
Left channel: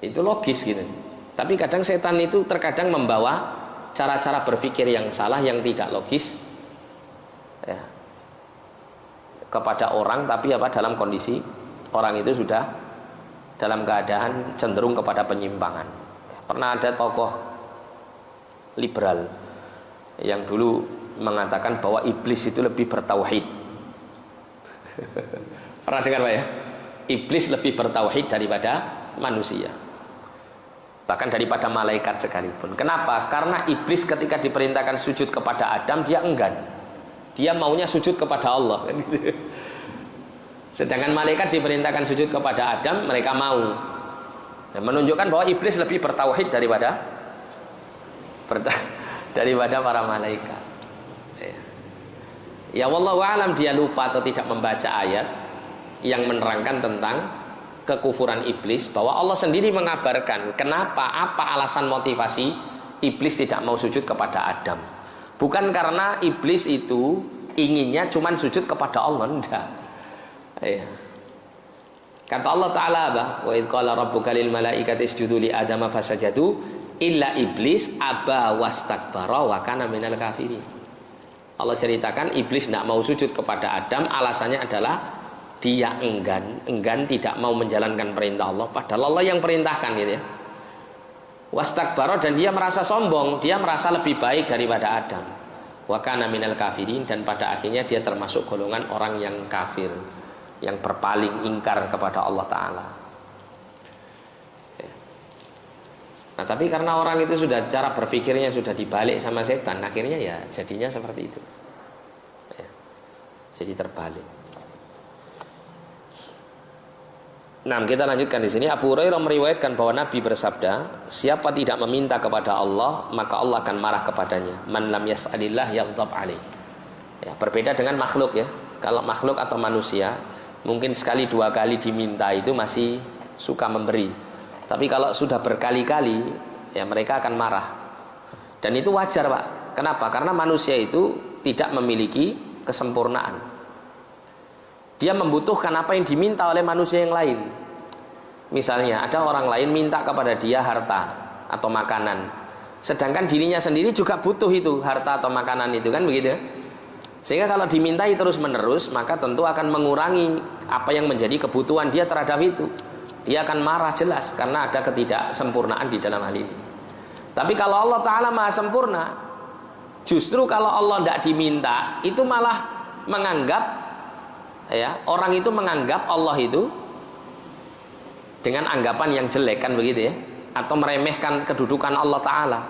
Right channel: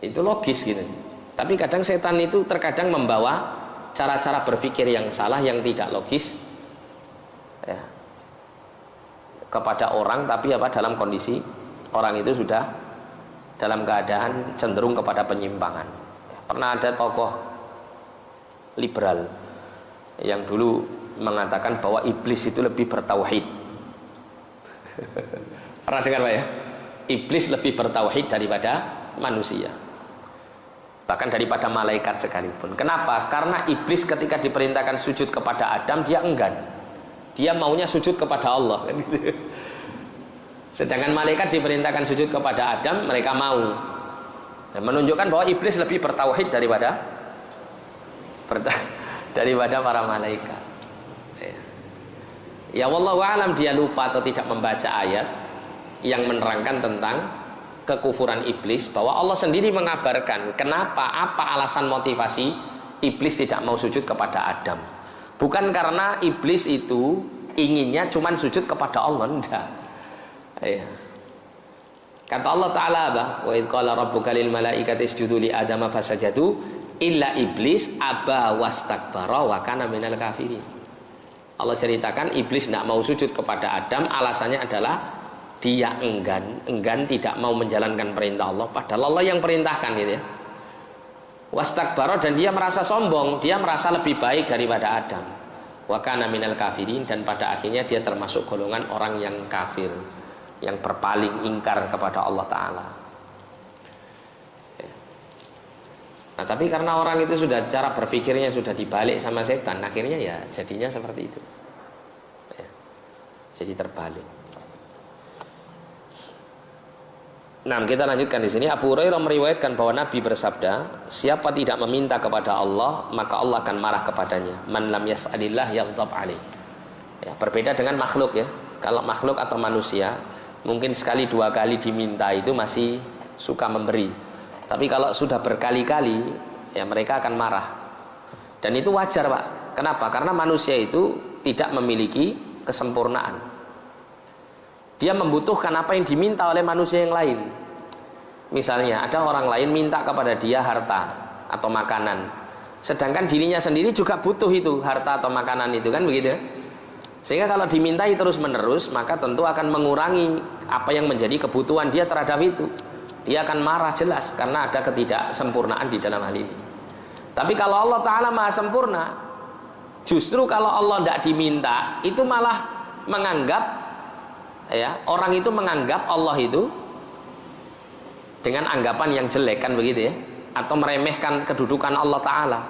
Itu logis gitu. Tapi kadang setan itu terkadang membawa cara-cara berpikir yang salah, yang tidak logis ya, kepada orang, tapi apa dalam kondisi orang itu sudah dalam keadaan cenderung kepada penyimpangan. Pernah ada tokoh liberal yang dulu mengatakan bahwa iblis itu lebih bertauhid. Pernah dengar Pak ya? Iblis lebih bertauhid daripada manusia, bahkan daripada malaikat sekalipun. Kenapa? Karena iblis ketika diperintahkan sujud kepada Adam, dia enggan. Dia maunya sujud kepada Allah. Sedangkan malaikat diperintahkan sujud kepada Adam, mereka mau. Nah, menunjukkan bahwa iblis lebih bertauhid daripada para malaikat. Ya wallahu a'lam, dia lupa atau tidak membaca ayat yang menerangkan tentang kekufuran iblis, bahwa Allah sendiri mengabarkan kenapa, apa alasan motivasi iblis tidak mau sujud kepada Adam. Bukan karena iblis itu inginnya cuman sujud kepada Allah, enggak. Ya. Kata Allah Ta'ala apa? Wa idh qala rabbuka lil malaikati isjudu li adama fasajadu illa iblis aba wastakbara wa kana minal kafirin. Allah ceritakan iblis tidak mau sujud kepada Adam, alasannya adalah dia enggan tidak mau menjalankan perintah Allah, padahal Allah yang perintahkan gitu ya. Wastakbara, dan dia merasa sombong, dia merasa lebih baik daripada Adam. Wa kana minal kafirin, dan pada akhirnya dia termasuk golongan orang yang kafir, yang berpaling ingkar kepada Allah Ta'ala. Nah tapi karena orang itu sudah cara berpikirnya sudah dibalik sama setan, akhirnya ya jadinya seperti itu ya, jadi terbalik. Nah kita lanjutkan di sini. Abu Hurairah meriwayatkan bahwa Nabi bersabda, siapa tidak meminta kepada Allah maka Allah akan marah kepadanya. Man lam yas'alillah yaghdab alaih. Ya, berbeda dengan makhluk ya. Kalau makhluk atau manusia mungkin sekali dua kali diminta itu masih suka memberi. Tapi kalau sudah berkali-kali, ya mereka akan marah. Dan itu wajar, Pak. Kenapa? Karena manusia itu tidak memiliki kesempurnaan. Dia membutuhkan apa yang diminta oleh manusia yang lain. Misalnya ada orang lain minta kepada dia harta atau makanan, sedangkan dirinya sendiri juga butuh itu harta atau makanan itu, kan begitu? Sehingga kalau dimintai terus menerus, maka tentu akan mengurangi apa yang menjadi kebutuhan dia terhadap itu. Dia akan marah jelas karena ada ketidaksempurnaan di dalam hal ini. Tapi kalau Allah Ta'ala maha sempurna, justru kalau Allah tidak diminta, itu malah menganggap, ya, orang itu menganggap Allah itu dengan anggapan yang jelek, kan begitu ya, atau meremehkan kedudukan Allah Ta'ala.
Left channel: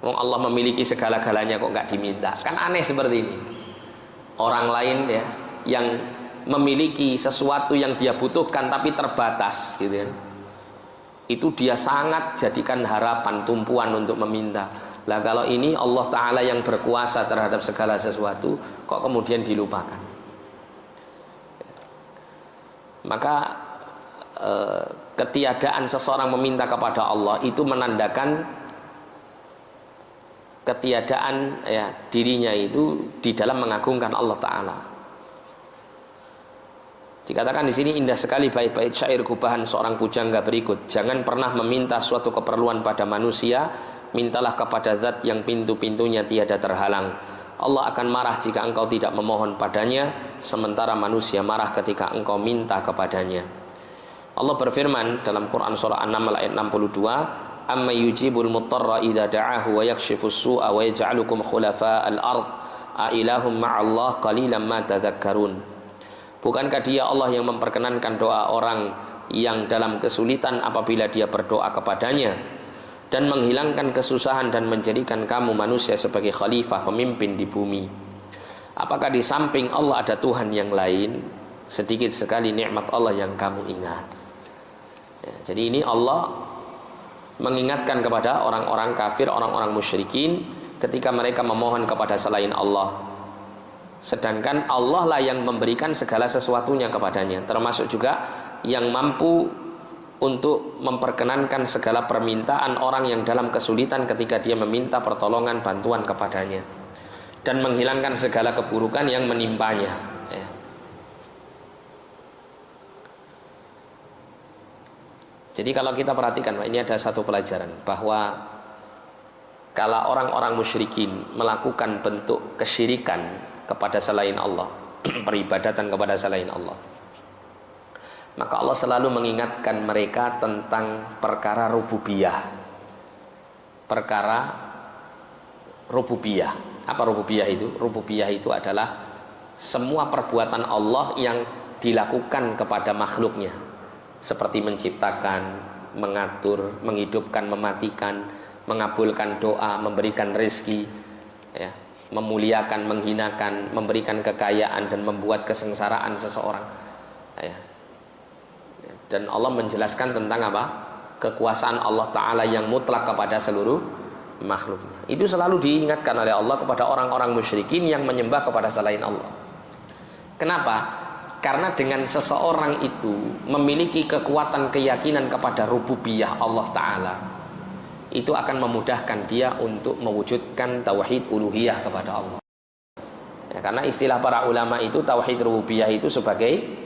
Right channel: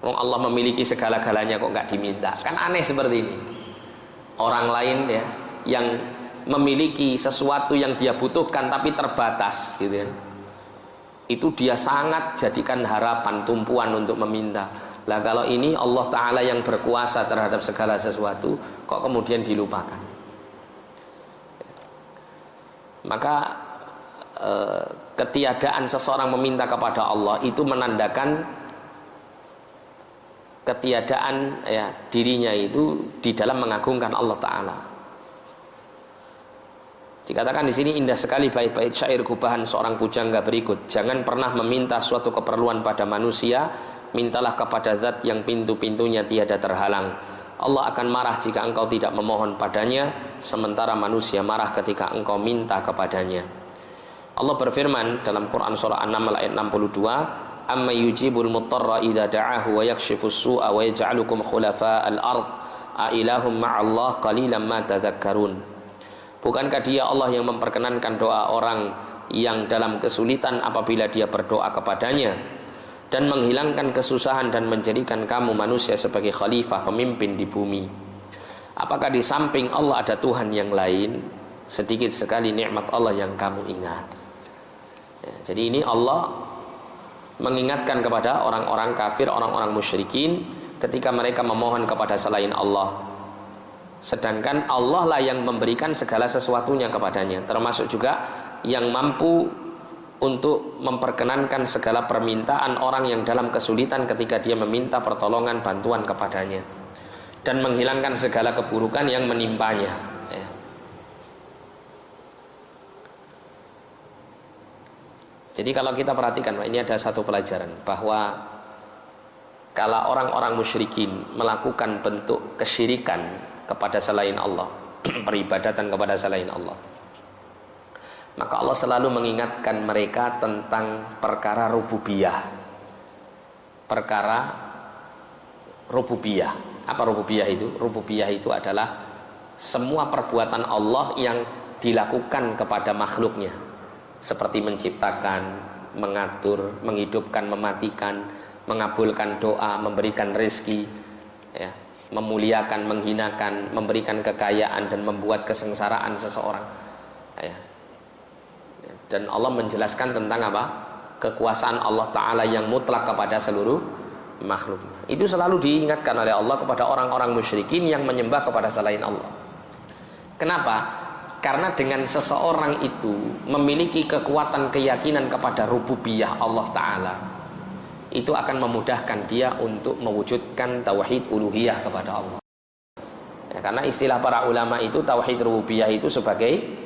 Allah memiliki segala-galanya kok nggak diminta, kan aneh seperti ini. Orang lain ya yang memiliki sesuatu yang dia butuhkan tapi terbatas gitu ya, itu dia sangat jadikan harapan, tumpuan untuk meminta. Lah kalau ini Allah Ta'ala yang berkuasa terhadap segala sesuatu, kok kemudian dilupakan? Maka ketiadaan seseorang meminta kepada Allah itu menandakan ketiadaan ya dirinya itu di dalam mengagungkan Allah Ta'ala. Dikatakan di sini indah sekali bait-bait syair gubahan seorang pujangga berikut. Jangan pernah meminta suatu keperluan pada manusia, mintalah kepada zat yang pintu-pintunya tiada terhalang. Allah akan marah jika engkau tidak memohon padanya, sementara manusia marah ketika engkau minta kepadanya. Allah berfirman dalam Quran surah An-Naml ayat 62, amma yujibul muttarra idza da'ahu wa yakshifus su'a wa yaj'alukum khulafa'al ard a ilahum ma'allah qalilan ma tadhakkarun. Bukankah dia Allah yang memperkenankan doa orang yang dalam kesulitan apabila dia berdoa kepadanya, dan menghilangkan kesusahan dan menjadikan kamu manusia sebagai khalifah, pemimpin di bumi? Apakah di samping Allah ada Tuhan yang lain? Sedikit sekali nikmat Allah yang kamu ingat. Ya, jadi ini Allah mengingatkan kepada orang-orang kafir, orang-orang musyrikin ketika mereka memohon kepada selain Allah, sedangkan Allah lah yang memberikan segala sesuatunya kepadanya, termasuk juga yang mampu untuk memperkenankan segala permintaan orang yang dalam kesulitan ketika dia meminta pertolongan bantuan kepadanya, dan menghilangkan segala keburukan yang menimpanya. Ya. Jadi kalau kita perhatikan, ini ada satu pelajaran, bahwa kalau orang-orang musyrikin melakukan bentuk kesyirikan kepada selain Allah, peribadatan kepada selain Allah, maka Allah selalu mengingatkan mereka tentang perkara rububiyah. Perkara rububiyah. Apa rububiyah itu? Rububiyah itu adalah semua perbuatan Allah yang dilakukan kepada makhluknya, seperti menciptakan, mengatur, menghidupkan, mematikan, mengabulkan doa, memberikan rezeki, ya, memuliakan, menghinakan, memberikan kekayaan, dan membuat kesengsaraan seseorang. Ya. Dan Allah menjelaskan tentang apa? Kekuasaan Allah Ta'ala yang mutlak kepada seluruh makhluk. Itu selalu diingatkan oleh Allah kepada orang-orang musyrikin yang menyembah kepada selain Allah. Kenapa? Karena dengan seseorang itu memiliki kekuatan keyakinan kepada rububiyah Allah Ta'ala, itu akan memudahkan dia untuk mewujudkan tauhid uluhiyah kepada Allah. Ya, karena istilah para ulama itu tauhid rububiyah itu sebagai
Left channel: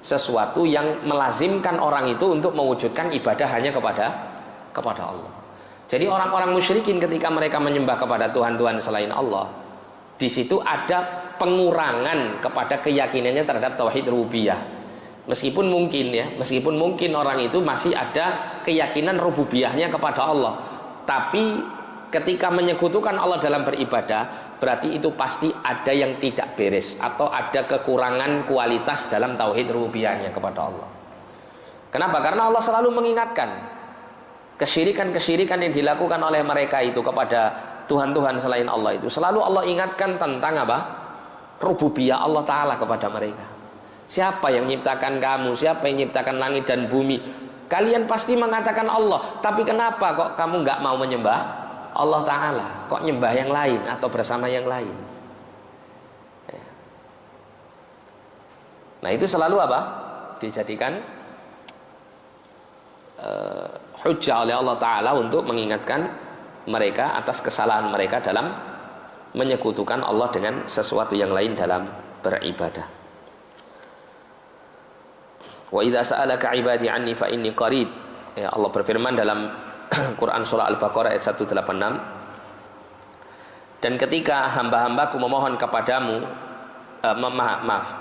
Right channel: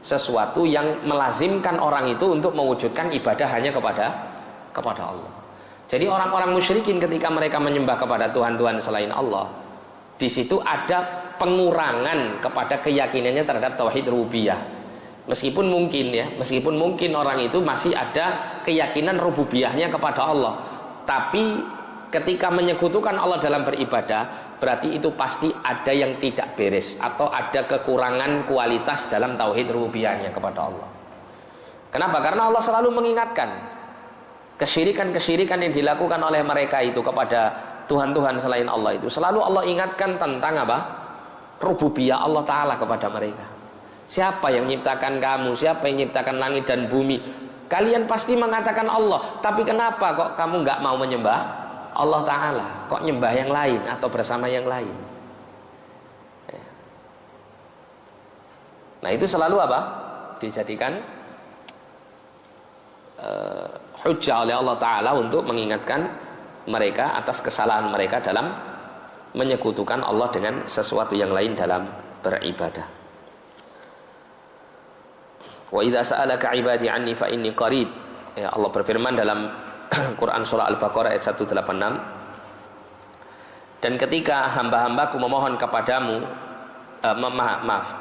sesuatu yang melazimkan orang itu untuk mewujudkan ibadah hanya kepada Allah. Jadi orang-orang musyrikin ketika mereka menyembah kepada Tuhan-Tuhan selain Allah, di situ ada pengurangan kepada keyakinannya terhadap tauhid rububiyah. Meskipun mungkin orang itu masih ada keyakinan rububiyahnya kepada Allah, tapi ketika menyekutukan Allah dalam beribadah, berarti itu pasti ada yang tidak beres atau ada kekurangan kualitas dalam tauhid rububiyahnya kepada Allah. Kenapa? Karena Allah selalu mengingatkan kesyirikan-kesyirikan yang dilakukan oleh mereka itu kepada Tuhan-Tuhan selain Allah itu. Selalu Allah ingatkan tentang apa? Rububiyah Allah Ta'ala kepada mereka. Siapa yang menciptakan kamu? Siapa yang menciptakan langit dan bumi? Kalian pasti mengatakan Allah, tapi kenapa kok kamu nggak mau menyembah Allah Ta'ala? Kok nyembah yang lain atau bersama yang lain? Nah itu selalu apa? Dijadikan hujjah oleh Allah Ta'ala untuk mengingatkan mereka atas kesalahan mereka dalam menyekutukan Allah dengan sesuatu yang lain dalam beribadah. Wa idza sa'alaka 'ibadi 'anni fa inni qarib. Ya, Allah berfirman dalam Quran surah Al-Baqarah ayat 186. Dan ketika hamba-hambaku memohon kepadamu,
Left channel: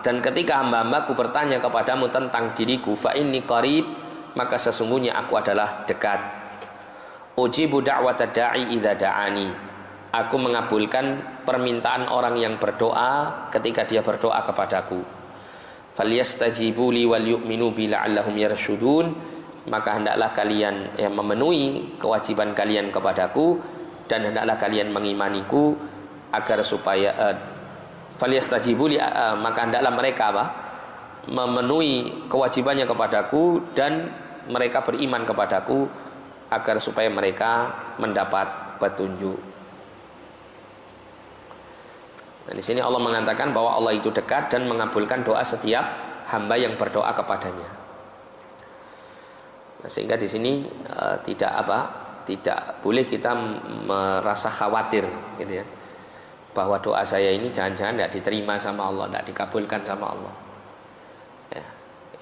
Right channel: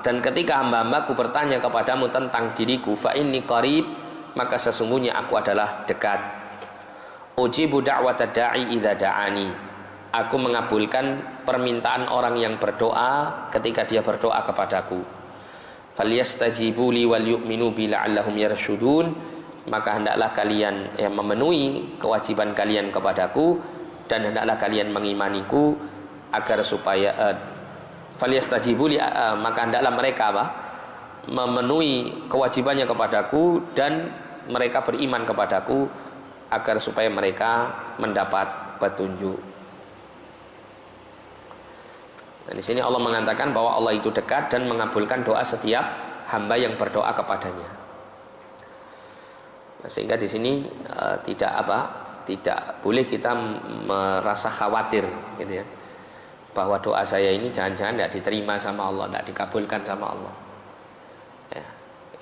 dan ketika hamba-hambaku bertanya kepadamu tentang diriku, fa inni qarib, maka sesungguhnya aku adalah dekat. Ujibu da'wata da'i idza da'ani. Aku mengabulkan permintaan orang yang berdoa ketika dia berdoa kepadaku. Falyastajibu li wal yu'minu bi la'allahum yarshudun. Maka hendaklah kalian memenuhi kewajiban kalian kepadaku, dan hendaklah kalian mengimaniku agar supaya falyastajibu li, maka hendaklah mereka memenuhi kewajibannya kepadaku dan mereka beriman kepadaku agar supaya mereka mendapat petunjuk. Dan di sini Allah mengatakan bahwa Allah itu dekat dan mengabulkan doa setiap hamba yang berdoa kepadanya. Nah, sehingga di sini tidak boleh kita merasa khawatir, gitu ya, bahwa doa saya ini jangan-jangan tidak diterima sama Allah, tidak dikabulkan sama Allah. Ya,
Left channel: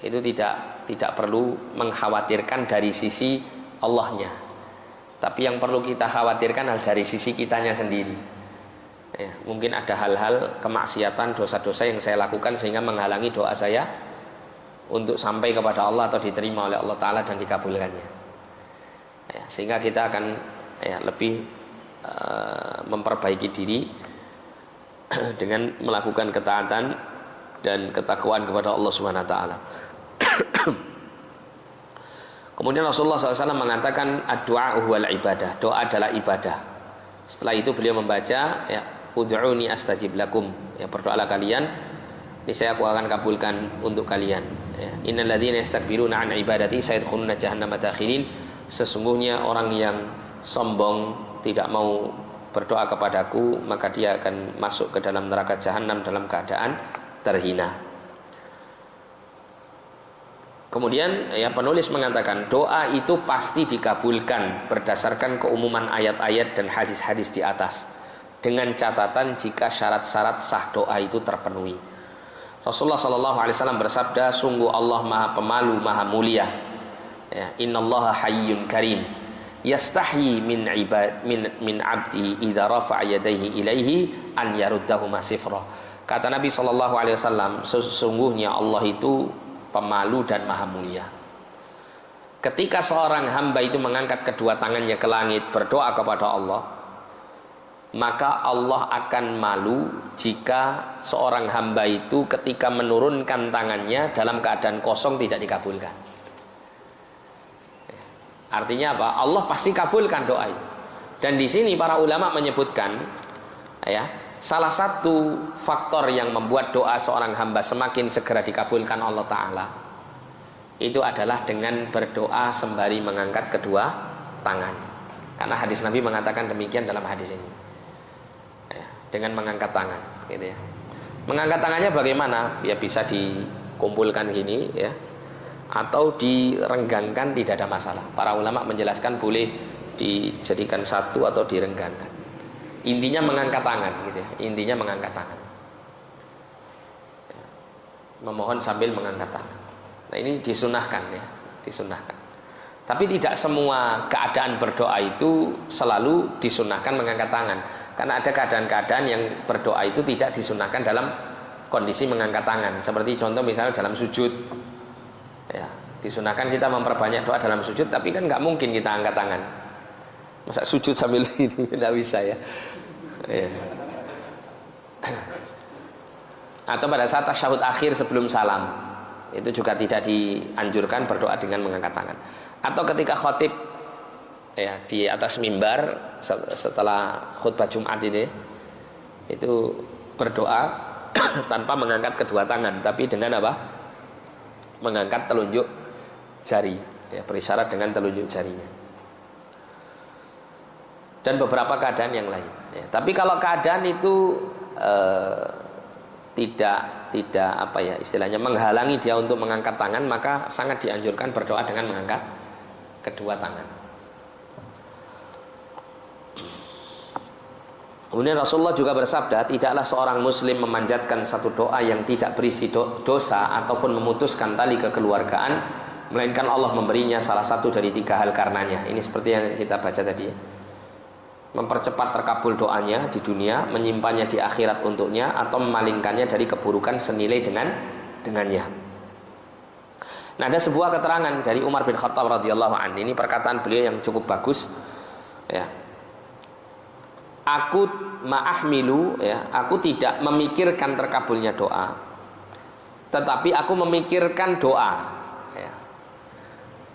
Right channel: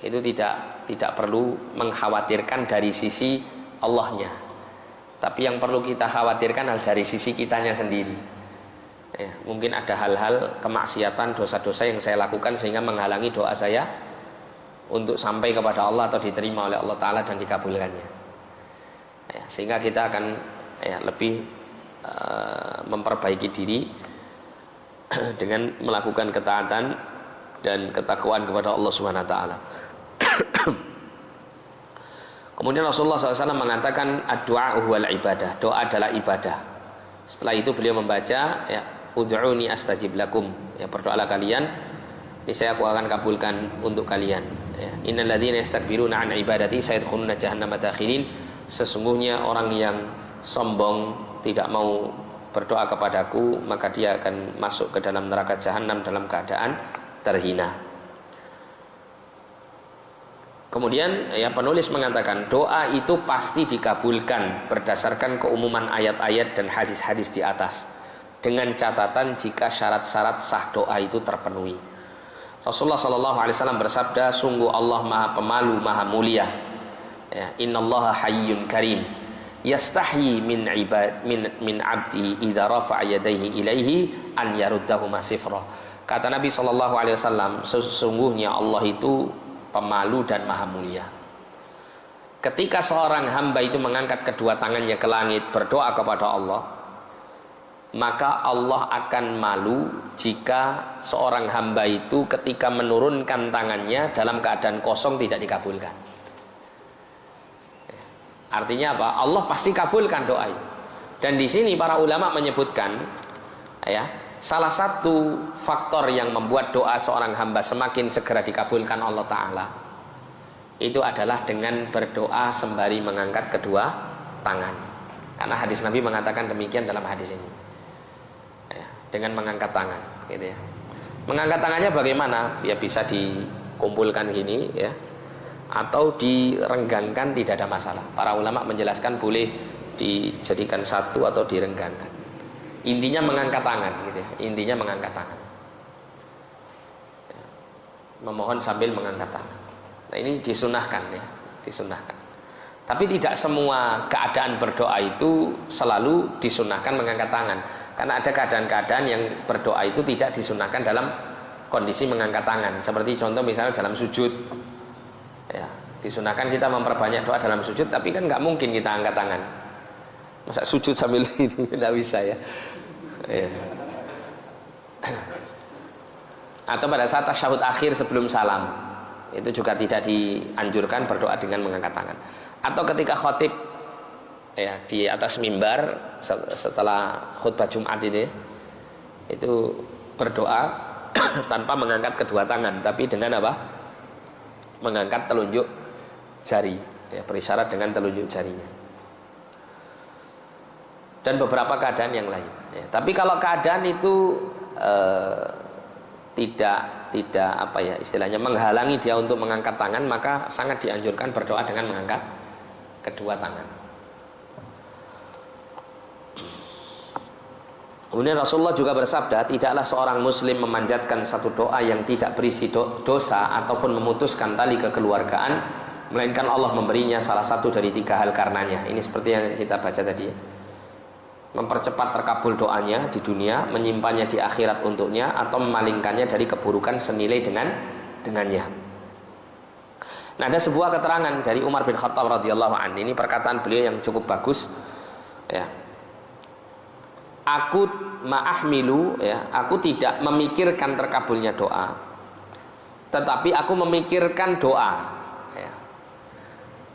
itu tidak perlu mengkhawatirkan dari sisi Allahnya, tapi yang perlu kita khawatirkan adalah dari sisi kitanya sendiri. Ya, mungkin ada hal-hal kemaksiatan, dosa-dosa yang saya lakukan sehingga menghalangi doa saya untuk sampai kepada Allah atau diterima oleh Allah Ta'ala dan dikabulkannya. Ya, sehingga kita akan lebih memperbaiki diri dengan melakukan ketaatan dan ketakwaan kepada Allah Subhanahu Wa Ta'ala. Kemudian Rasulullah SAW mengatakan ad-du'a huwal ibadah, doa adalah ibadah. Setelah itu beliau membaca ud'uni astajib lakum, berdoalah kalian, niscaya aku akan kabulkan untuk kalian. Innal ladzina yastakbiruna an ibadati sayadkhuluna jahannama dakhirin. Sesungguhnya orang yang sombong tidak mau berdoa kepadaku, maka dia akan masuk ke dalam neraka jahanam dalam keadaan terhina. Kemudian penulis mengatakan doa itu pasti dikabulkan berdasarkan keumuman ayat-ayat dan hadis-hadis di atas, dengan catatan jika syarat-syarat sah doa itu terpenuhi. Rasulullah SAW bersabda, sungguh Allah Maha Pemalu, Maha Mulia. Innallaha hayyun karim, yastahyi min abdi idza rafa'a yadayhi ilaihi an yaruddahuma sifra. Kata Nabi SAW, sesungguhnya Allah itu pemalu dan Maha Mulia. Ketika seorang hamba itu mengangkat kedua tangannya ke langit berdoa kepada Allah, maka Allah akan malu jika seorang hamba itu ketika menurunkan tangannya dalam keadaan kosong tidak dikabulkan. Artinya apa? Allah pasti kabulkan doa itu. Dan di sini para ulama menyebutkan, salah satu faktor yang membuat doa seorang hamba semakin segera dikabulkan Allah Ta'ala itu adalah dengan berdoa sembari mengangkat kedua tangan. Karena hadis Nabi mengatakan demikian dalam hadis ini. Dengan mengangkat tangan, gitu ya. Mengangkat tangannya bagaimana? Ya bisa dikumpulkan gini, atau direnggangkan, tidak ada masalah. Para ulama menjelaskan boleh dijadikan satu atau direnggangkan. Intinya mengangkat tangan, gitu ya. Intinya mengangkat tangan. Memohon sambil mengangkat tangan. Nah, ini disunahkan, disunahkan. Tapi tidak semua keadaan berdoa itu selalu disunahkan mengangkat tangan. Karena ada keadaan-keadaan yang berdoa itu tidak disunahkan dalam kondisi mengangkat tangan. Seperti contoh misalnya dalam sujud, disunahkan kita memperbanyak doa dalam sujud, tapi kan nggak mungkin kita angkat tangan. Masa sujud sambil ini tidak bisa ya. Atau pada saat tasyahud akhir sebelum salam, itu juga tidak dianjurkan berdoa dengan mengangkat tangan. Atau ketika khotib di atas mimbar setelah khutbah Jumat itu berdoa tanpa mengangkat kedua tangan, tapi dengan apa? Mengangkat telunjuk jari, berisyarat dengan telunjuk jarinya. Dan beberapa keadaan yang lain. Tapi kalau keadaan itu tidak istilahnya menghalangi dia untuk mengangkat tangan, maka sangat dianjurkan berdoa dengan mengangkat kedua tangan. Kemudian Rasulullah juga bersabda, tidaklah seorang muslim memanjatkan satu doa yang tidak berisi dosa ataupun memutuskan tali kekeluargaan, melainkan Allah memberinya salah satu dari 3 hal karenanya. Ini seperti yang kita baca tadi ya. Mempercepat terkabul doanya di dunia, menyimpannya di akhirat untuknya, atau memalingkannya dari keburukan senilai dengannya. Nah, ada sebuah keterangan dari Umar bin Khattab radhiyallahu anhu. Ini perkataan beliau yang cukup bagus ya. Aku ma'ahmilu ya, aku tidak memikirkan terkabulnya doa, tetapi aku memikirkan doa ya.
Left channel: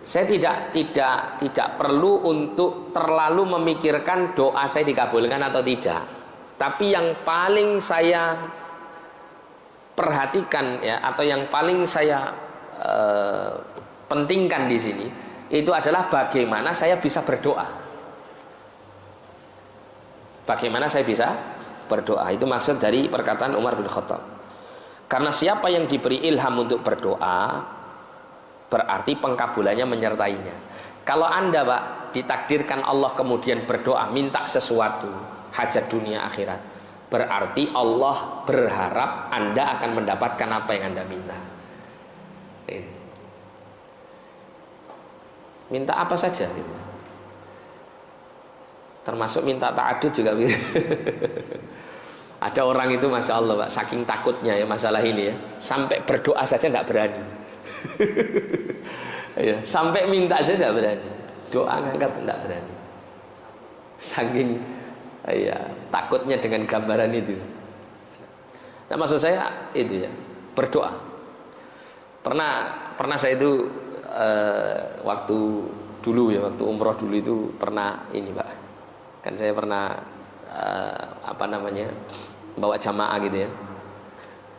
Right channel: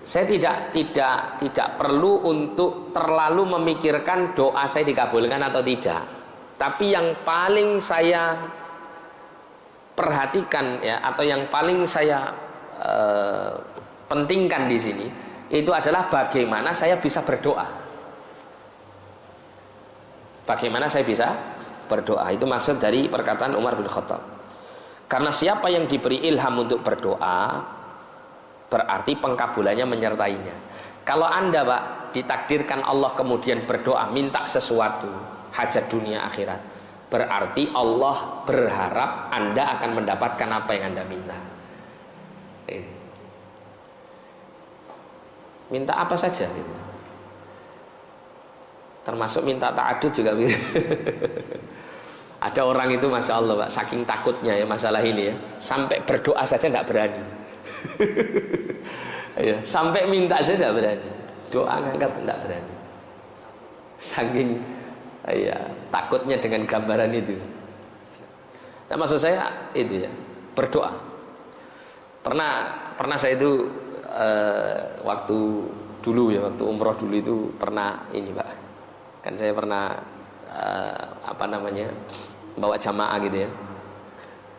Saya tidak perlu untuk terlalu memikirkan doa saya dikabulkan atau tidak. Tapi yang paling saya perhatikan ya, atau yang paling saya pentingkan di sini itu adalah bagaimana saya bisa berdoa. Bagaimana saya bisa berdoa. Itu maksud dari perkataan Umar bin Khattab. Karena siapa yang diberi ilham untuk berdoa, berarti pengkabulannya menyertainya. Kalau Anda Pak ditakdirkan Allah kemudian berdoa minta sesuatu, hajat dunia akhirat, berarti Allah berharap Anda akan mendapatkan apa yang Anda minta. Minta apa saja gitu. Termasuk minta ta'adud juga gitu. Ada orang itu Masya Allah Pak, saking takutnya ya masalah ini ya, sampai berdoa saja nggak berani. Ya, sampai minta saja nggak berani, doa ngangkat nggak berani, saking ya, takutnya dengan gambaran itu. Nah, maksud saya itu ya, berdoa. Pernah saya itu waktu dulu ya, waktu umroh dulu itu pernah ini Pak. Kan saya pernah bawa jamaah gitu ya.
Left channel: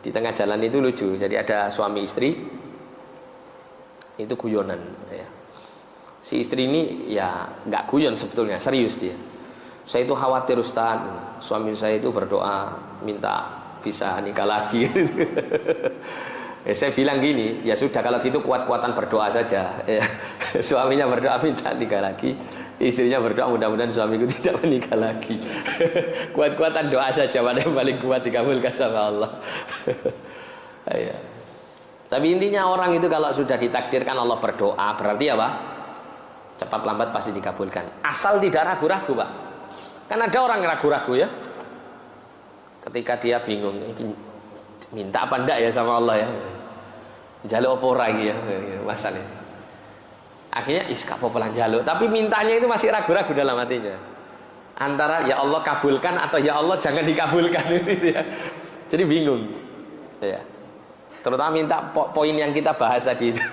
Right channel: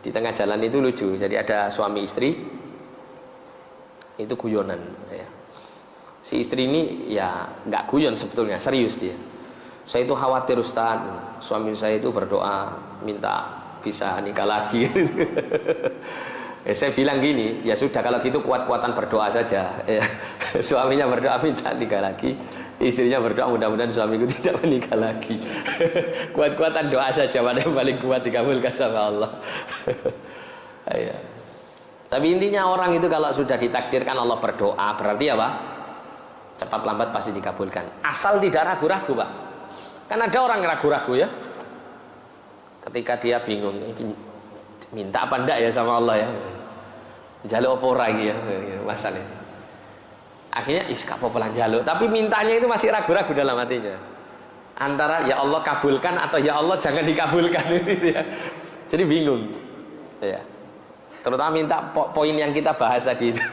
Di tengah jalan itu lucu. Jadi ada suami istri itu guyonan ya. Si istri ini ya nggak guyon sebetulnya, serius dia. Saya itu khawatir Ustaz, suami saya itu berdoa minta bisa nikah lagi. Saya bilang gini, ya sudah kalau gitu kuat-kuatan berdoa saja ya. Suaminya berdoa minta nikah lagi, istrinya berdoa mudah-mudahan suamiku tidak menikah lagi. Kuat-kuatan doa saja, mana yang paling kuat dikabulkan sama Allah. Ya. Tapi intinya orang itu kalau sudah ditakdirkan Allah berdoa, berarti apa? Cepat lambat pasti dikabulkan. Asal tidak ragu-ragu Pak. Kan ada orang ragu-ragu ya. Ketika dia bingung, minta apa enggak ya sama Allah ya. Jaluk apa lagi ya masalahnya. Akhirnya iskap pelan jaluk, tapi mintanya itu masih ragu-ragu dalam hatinya. Antara ya Allah kabulkan atau ya Allah jangan dikabulkan gitu ya. Jadi bingung. Ya. Terutama minta poin yang kita bahas tadi itu.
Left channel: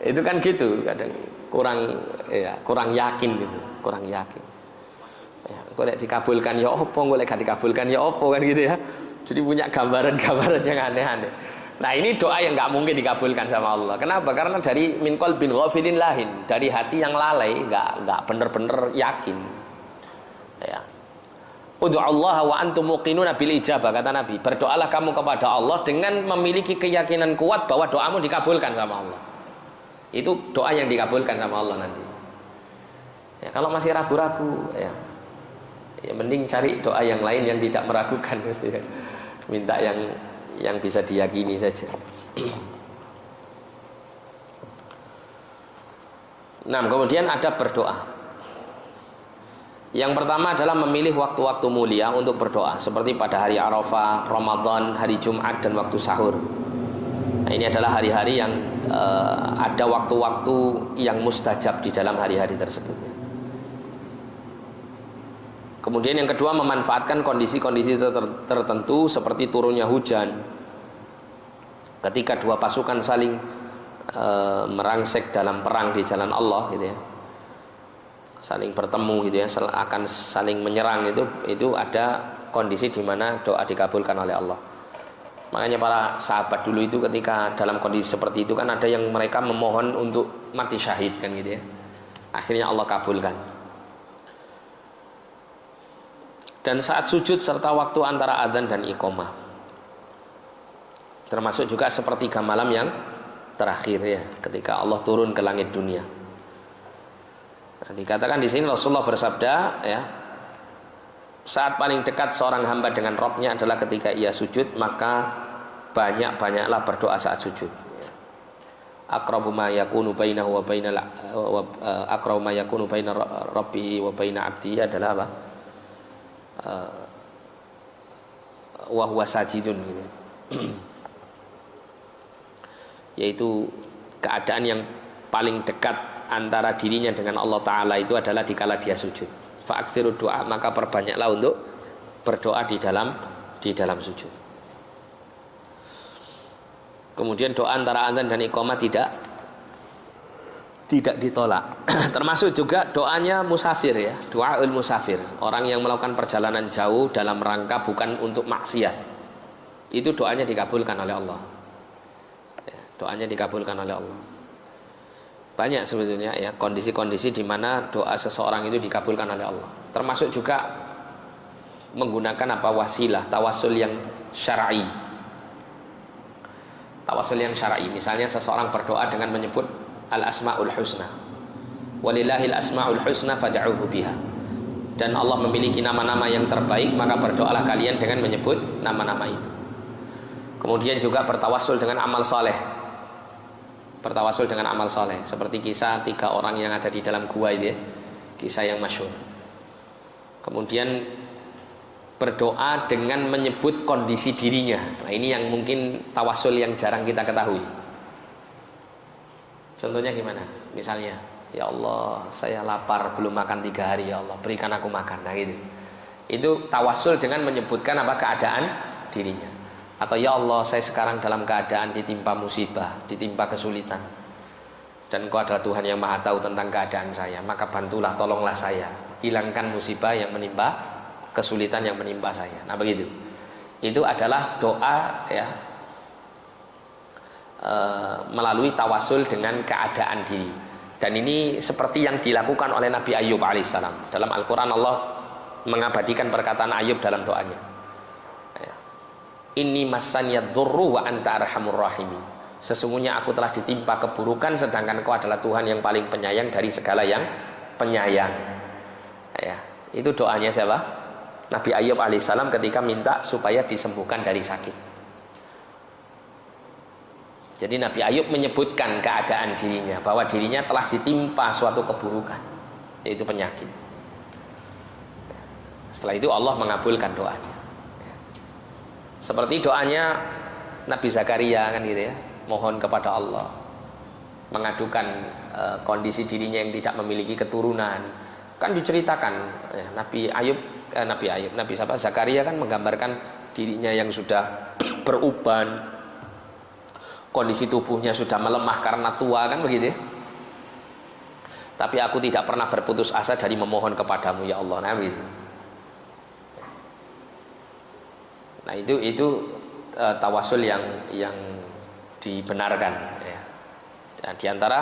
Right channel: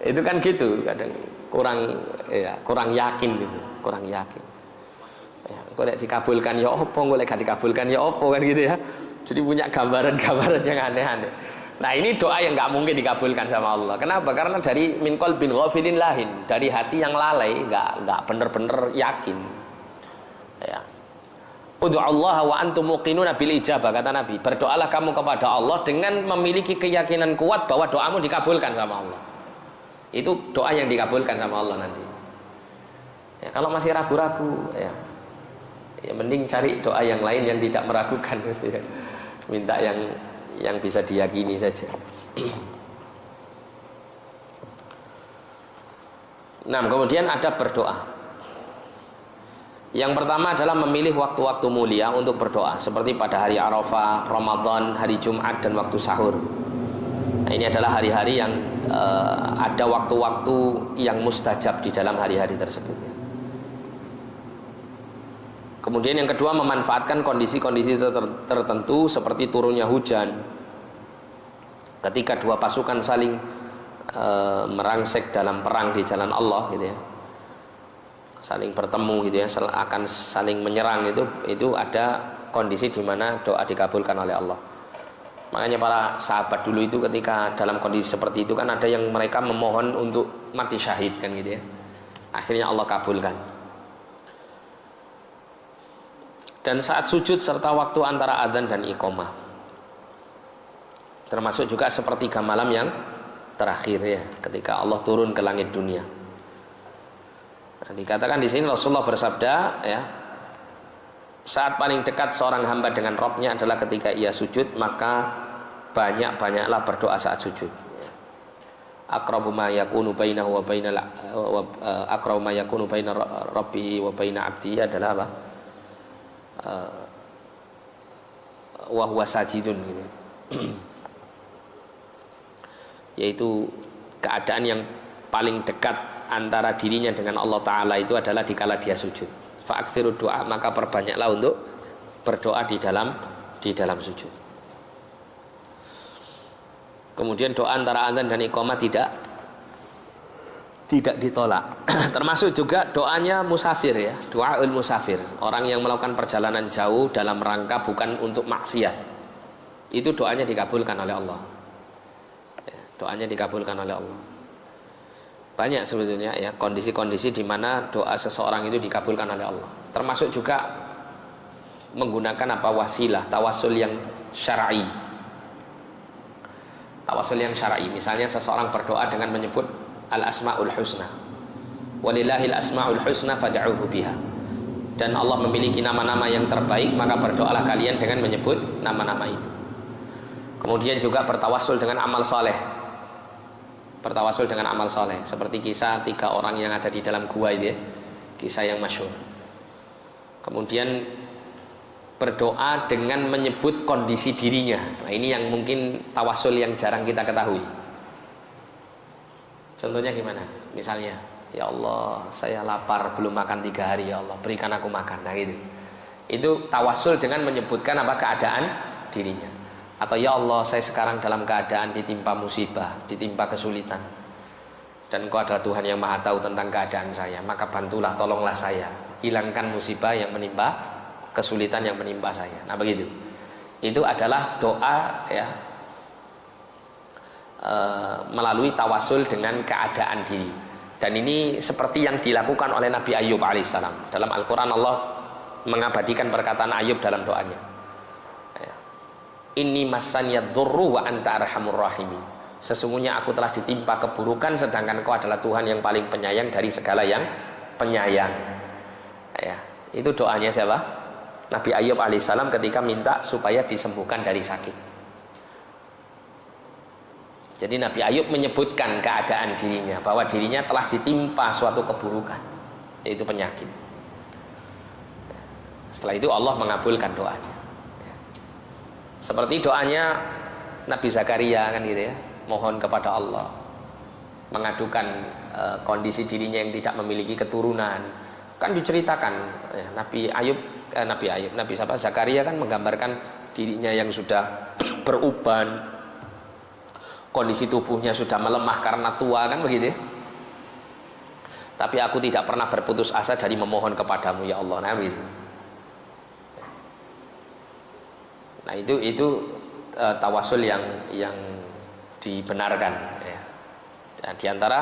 Itu kan gitu, kadang kurang yakin gitu, kurang yakin. Ya, kalau dikabulkan ya opo, kalau gak dikabulkan ya opo kan gitu ya. Jadi punya gambaran-gambaran yang aneh-aneh. Nah ini doa yang nggak mungkin dikabulkan sama Allah. Kenapa? Karena dari min qalbin ghafilin lahin, dari hati yang lalai, nggak bener-bener yakin. Ya. Ud'ullaha wa antum muqinuna bil ijabah, kata Nabi. Berdoalah kamu kepada Allah dengan memiliki keyakinan kuat bahwa doamu dikabulkan sama Allah. Itu doa yang dikabulkan sama Allah nanti. Ya, kalau masih ragu-ragu, ya mending cari doa yang lain yang tidak meragukan. Ya. Minta yang bisa diyakini saja. Nah, kemudian ada berdoa. Yang pertama adalah memilih waktu-waktu mulia untuk berdoa, seperti pada hari Arafah, Ramadan, hari Jumat, dan waktu sahur. Nah, ini adalah hari-hari yang ada waktu-waktu yang mustajab di dalam hari-hari tersebut. Kemudian yang kedua, memanfaatkan kondisi-kondisi tertentu seperti turunnya hujan, ketika dua pasukan saling merangsek dalam perang di jalan Allah gitu ya, saling bertemu gitu ya, akan saling menyerang, itu ada kondisi di mana doa dikabulkan oleh Allah. Makanya para sahabat dulu itu ketika dalam kondisi seperti itu kan ada yang mereka memohon untuk mati syahid kan gitu ya, akhirnya Allah kabulkan. Dan saat sujud serta waktu antara adzan dan iqamah, termasuk juga sepertiga malam yang terakhir ya, ketika Allah turun ke langit dunia. Nah, dikatakan di sini Rasulullah bersabda, ya, saat paling dekat seorang hamba dengan Rabb-nya adalah ketika ia sujud, maka banyak-banyaklah berdoa saat sujud. Aqrabu ma yakunu bainahu wa bainal aqrabu ma yakunu baina rabbihi wa baina 'abdihi adalah apa? Wa huwa sajidun gitu. Yaitu keadaan yang paling dekat antara dirinya dengan Allah Ta'ala itu adalah dikala dia sujud. Fa'aktsiru doa, maka perbanyaklah untuk berdoa di dalam sujud. Kemudian doa antara adzan dan iqamah tidak ditolak. Termasuk juga doanya musafir, ya, doaul musafir, orang yang melakukan perjalanan jauh dalam rangka bukan untuk maksiat. Itu doanya dikabulkan oleh Allah. Doanya dikabulkan oleh Allah. Banyak sebetulnya, ya, kondisi-kondisi di mana doa seseorang itu dikabulkan oleh Allah. Termasuk juga menggunakan apa, wasilah, tawasul yang syar'i. Tawasul yang syar'i, misalnya seseorang berdoa dengan menyebut al-asmaul husna. Walillahil asmaul husna fad'uhu biha. Dan Allah memiliki nama-nama yang terbaik, maka berdoalah kalian dengan menyebut nama-nama itu. Kemudian juga bertawasul dengan amal soleh. Bertawasul dengan amal soleh, seperti kisah 3 orang yang ada di dalam gua itu, ya, kisah yang masyhur. Kemudian berdoa dengan menyebut kondisi dirinya. Nah, ini yang mungkin tawasul yang jarang kita ketahui. Contohnya gimana? Misalnya, ya Allah, saya lapar belum makan 3 hari, ya Allah, berikan aku makan. Nah, gitu. Itu tawasul dengan menyebutkan apa, keadaan dirinya. Atau ya Allah, saya sekarang dalam keadaan ditimpa musibah, ditimpa kesulitan, dan Engkau adalah Tuhan yang maha tahu tentang keadaan saya, maka bantulah, tolonglah saya, hilangkan musibah yang menimpa, kesulitan yang menimpa saya. Nah, begitu. Itu adalah doa, ya, melalui tawasul dengan keadaan diri. Dan ini seperti yang dilakukan oleh Nabi Ayub alaihissalam. Dalam Al-Quran Allah mengabadikan perkataan Ayub dalam doanya. Inni massanyad dzurru wa anta arhamur rahimin. Sesungguhnya aku telah ditimpa keburukan, sedangkan Kau adalah Tuhan yang paling penyayang dari segala yang penyayang. Ya, itu doanya siapa? Nabi Ayub alaihissalam ketika minta supaya disembuhkan dari sakit. Jadi Nabi Ayub menyebutkan keadaan dirinya, bahwa dirinya telah ditimpa suatu keburukan, yaitu penyakit. Setelah itu Allah mengabulkan doanya. Seperti doanya Nabi Zakaria, kan gitu, ya, mohon kepada Allah, mengadukan kondisi dirinya yang tidak memiliki keturunan. Kan diceritakan, ya, Nabi Zakaria kan menggambarkan dirinya yang sudah beruban, kondisi tubuhnya sudah melemah karena tua, kan begitu, ya? Tapi aku tidak pernah berputus asa dari memohon kepadamu, ya Allah. Nah, begitu. Nah, itu tawasul yang dibenarkan, ya. Dan diantara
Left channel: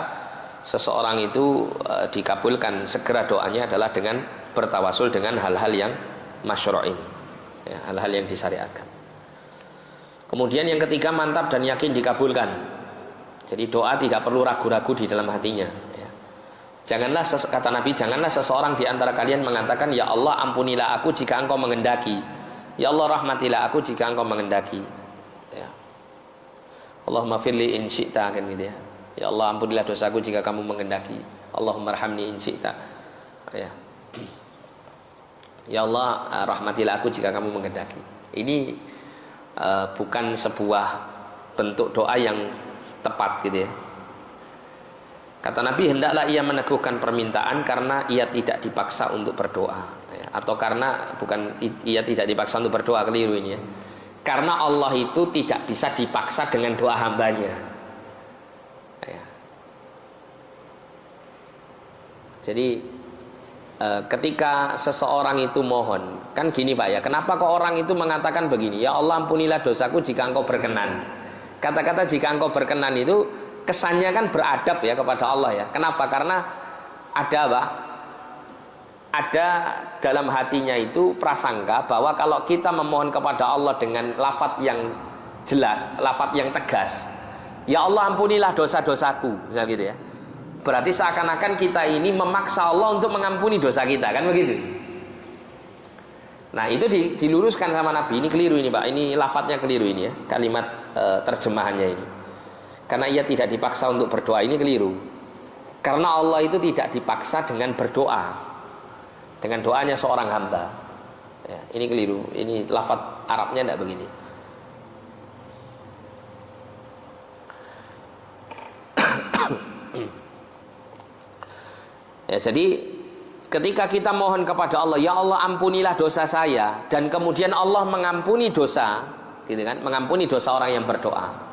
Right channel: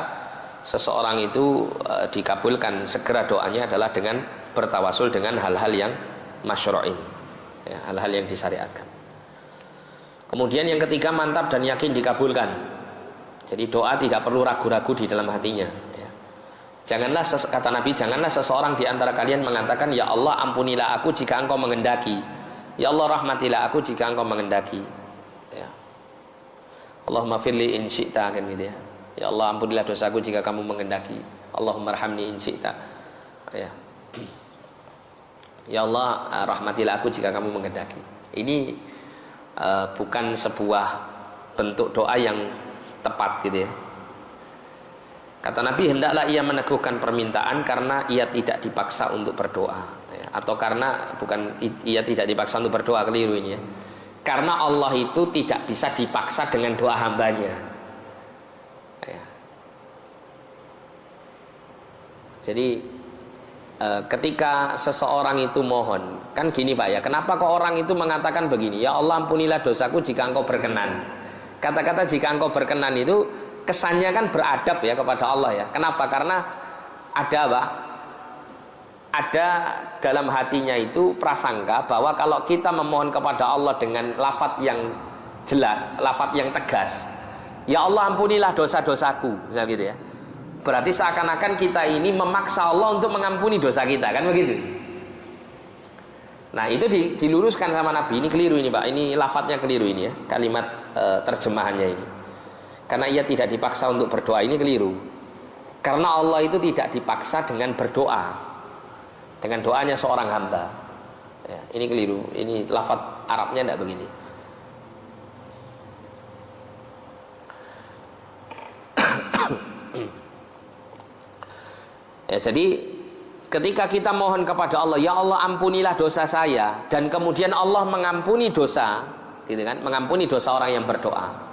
seseorang itu dikabulkan segera doanya adalah dengan bertawasul dengan hal-hal yang masyru' ini, ya, hal-hal yang disyariatkan. Kemudian yang ketiga, mantap dan yakin dikabulkan. Jadi doa tidak perlu ragu-ragu di dalam hatinya, ya. Janganlah, kata Nabi, janganlah seseorang di antara kalian mengatakan, ya Allah, ampunilah aku jika Engkau menghendaki. Ya Allah, rahmatilah aku jika Engkau menghendaki, ya. Allahumma firli in syi'ta, kan gitu, ya. Ya Allah, ampunilah dosaku jika Kamu menghendaki. Allahumma arhamni in syi'ta, ya. Ya Allah, rahmatilah aku jika Kamu menghendaki. Ini bukan sebuah bentuk doa yang tepat, gitu, ya. Kata Nabi, hendaklah ia meneguhkan permintaan karena ia tidak dipaksa untuk berdoa. Atau karena bukan ia tidak dipaksa untuk berdoa, keliru ini, ya. Karena Allah itu tidak bisa dipaksa dengan doa hambanya, ya. Jadi ketika seseorang itu mohon, kan gini Pak, ya, kenapa kok orang itu mengatakan begini, ya Allah, ampunilah dosaku jika Engkau berkenan. Kata-kata jika Engkau berkenan itu kesannya kan beradab, ya, kepada Allah, ya. Kenapa? Karena ada apa? Ada dalam hatinya itu prasangka bahwa kalau kita memohon kepada Allah dengan lafadz yang jelas, lafadz yang tegas, ya Allah, ampunilah dosa-dosaku, misalnya gitu, ya, berarti seakan-akan kita ini memaksa Allah untuk mengampuni dosa kita, kan begitu. Nah itu diluruskan sama Nabi. Ini keliru ini Pak, ini lafadznya keliru ini ya, kalimat terjemahannya ini. Karena ia tidak dipaksa untuk berdoa, ini keliru. Karena Allah itu tidak dipaksa dengan berdoa, dengan doanya seorang hamba ya, ini keliru. Ini lafadz Arabnya tidak begini. Ya, jadi ketika kita mohon kepada Allah, ya Allah ampunilah dosa saya, dan kemudian Allah mengampuni dosa, gitu kan, mengampuni dosa orang yang berdoa.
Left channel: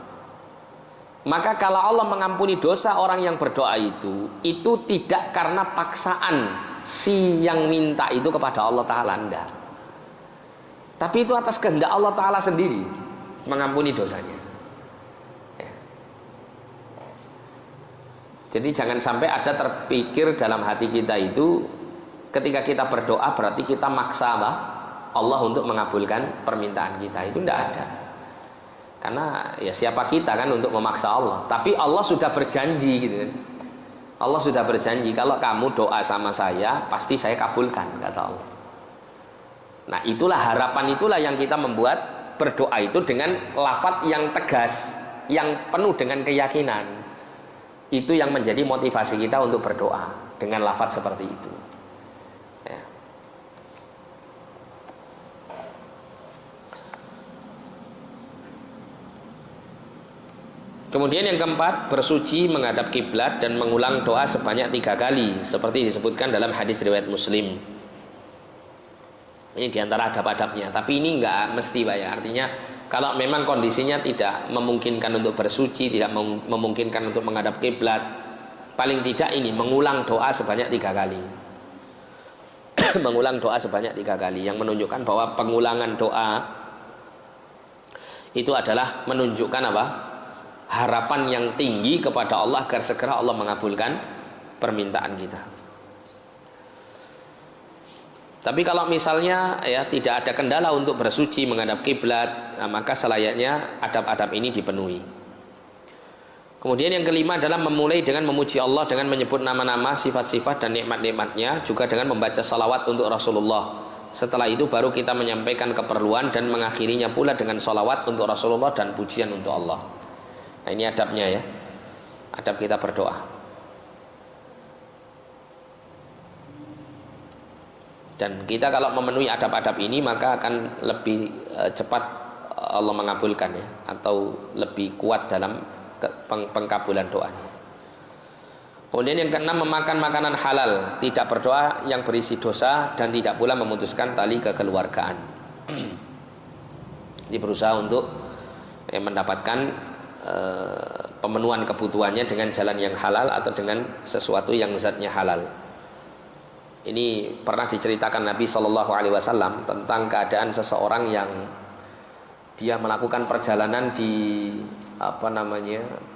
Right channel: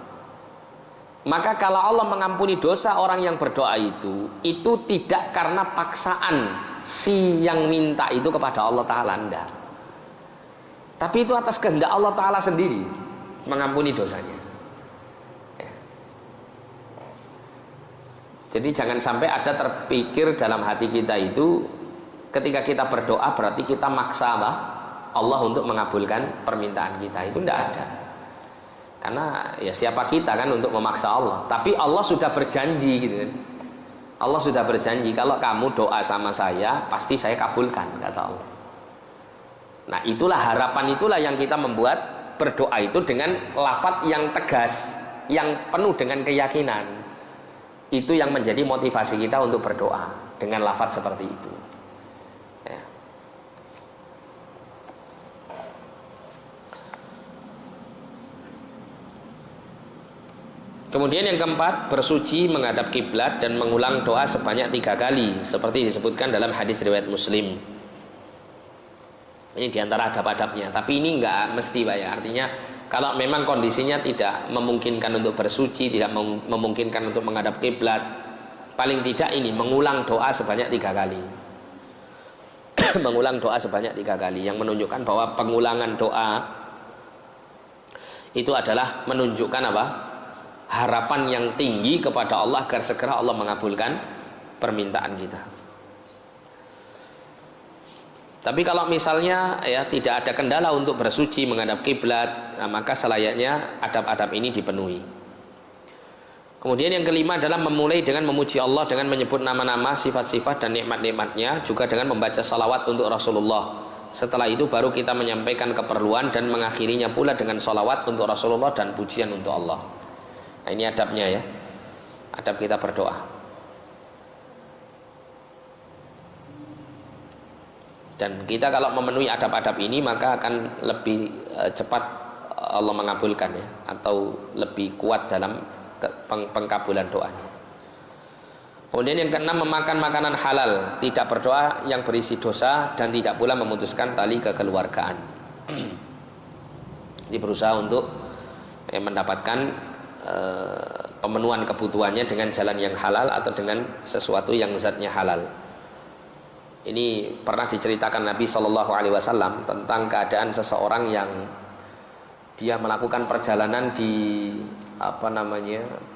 Maka kalau Allah mengampuni dosa orang yang berdoa itu tidak karena paksaan si yang minta itu kepada Allah Ta'ala, enggak. Tapi itu atas kehendak Allah Ta'ala sendiri mengampuni dosanya. Jadi jangan sampai ada terpikir dalam hati kita itu ketika kita berdoa berarti kita maksa Allah untuk mengabulkan permintaan kita. Itu tidak ada. Karena ya siapa kita kan untuk memaksa Allah. Tapi Allah sudah berjanji gitu kan. Allah sudah berjanji kalau kamu doa sama saya pasti saya kabulkan, kata Allah. Nah itulah harapan, itulah yang kita membuat berdoa itu dengan lafadz yang tegas, yang penuh dengan keyakinan. Itu yang menjadi motivasi kita untuk berdoa dengan lafadz seperti itu ya. Kemudian yang keempat, bersuci menghadap kiblat dan mengulang doa sebanyak 3 kali seperti disebutkan dalam hadis riwayat Muslim. Ini diantara adab-adabnya, tapi ini enggak mesti Pak ya. Artinya kalau memang kondisinya tidak memungkinkan untuk bersuci, tidak memungkinkan untuk menghadap kiblat, paling tidak ini mengulang doa sebanyak 3 kali. Mengulang doa sebanyak 3 kali, yang menunjukkan bahwa pengulangan doa itu adalah menunjukkan apa? Harapan yang tinggi kepada Allah agar segera Allah mengabulkan permintaan kita. Tapi kalau misalnya ya tidak ada kendala untuk bersuci menghadap kiblat, nah, maka selayaknya adab-adab ini dipenuhi. Kemudian yang kelima adalah memulai dengan memuji Allah dengan menyebut nama-nama, sifat-sifat dan nikmat-nikmatnya, juga dengan membaca salawat untuk Rasulullah. Setelah itu baru kita menyampaikan keperluan dan mengakhirinya pula dengan salawat untuk Rasulullah dan pujian untuk Allah. Nah ini adabnya ya, adab kita berdoa. Dan kita kalau memenuhi adab-adab ini maka akan lebih cepat Allah mengabulkan ya, atau lebih kuat dalam pengkabulan doanya. Kemudian yang keenam, memakan makanan halal, tidak berdoa yang berisi dosa dan tidak pula memutuskan tali kekeluargaan. Dia berusaha untuk mendapatkan pemenuhan kebutuhannya dengan jalan yang halal atau dengan sesuatu yang zatnya halal. Ini pernah diceritakan Nabi Shallallahu Alaihi Wasallam tentang keadaan seseorang yang dia melakukan perjalanan di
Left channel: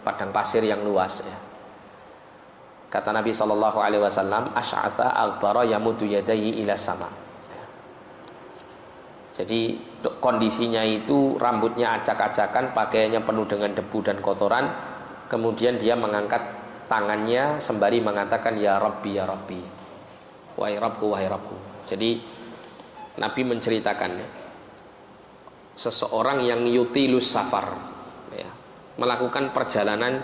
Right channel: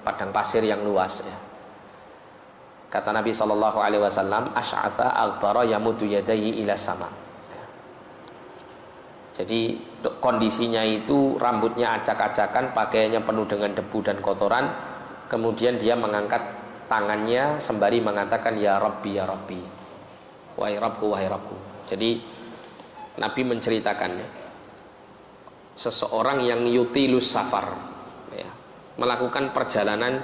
padang pasir yang luas ya. Kata Nabi Shallallahu Alaihi Wasallam, asy'atha aghbara yamuddu yadayhi ila sama. Jadi kondisinya itu rambutnya acak-acakan, pakaiannya penuh dengan debu dan kotoran. Kemudian dia mengangkat tangannya sembari mengatakan ya Rabbi ya Rabbi, wahai Rabbku, wahai Rabbku. Jadi Nabi menceritakannya, seseorang yang yutilus safar ya, melakukan perjalanan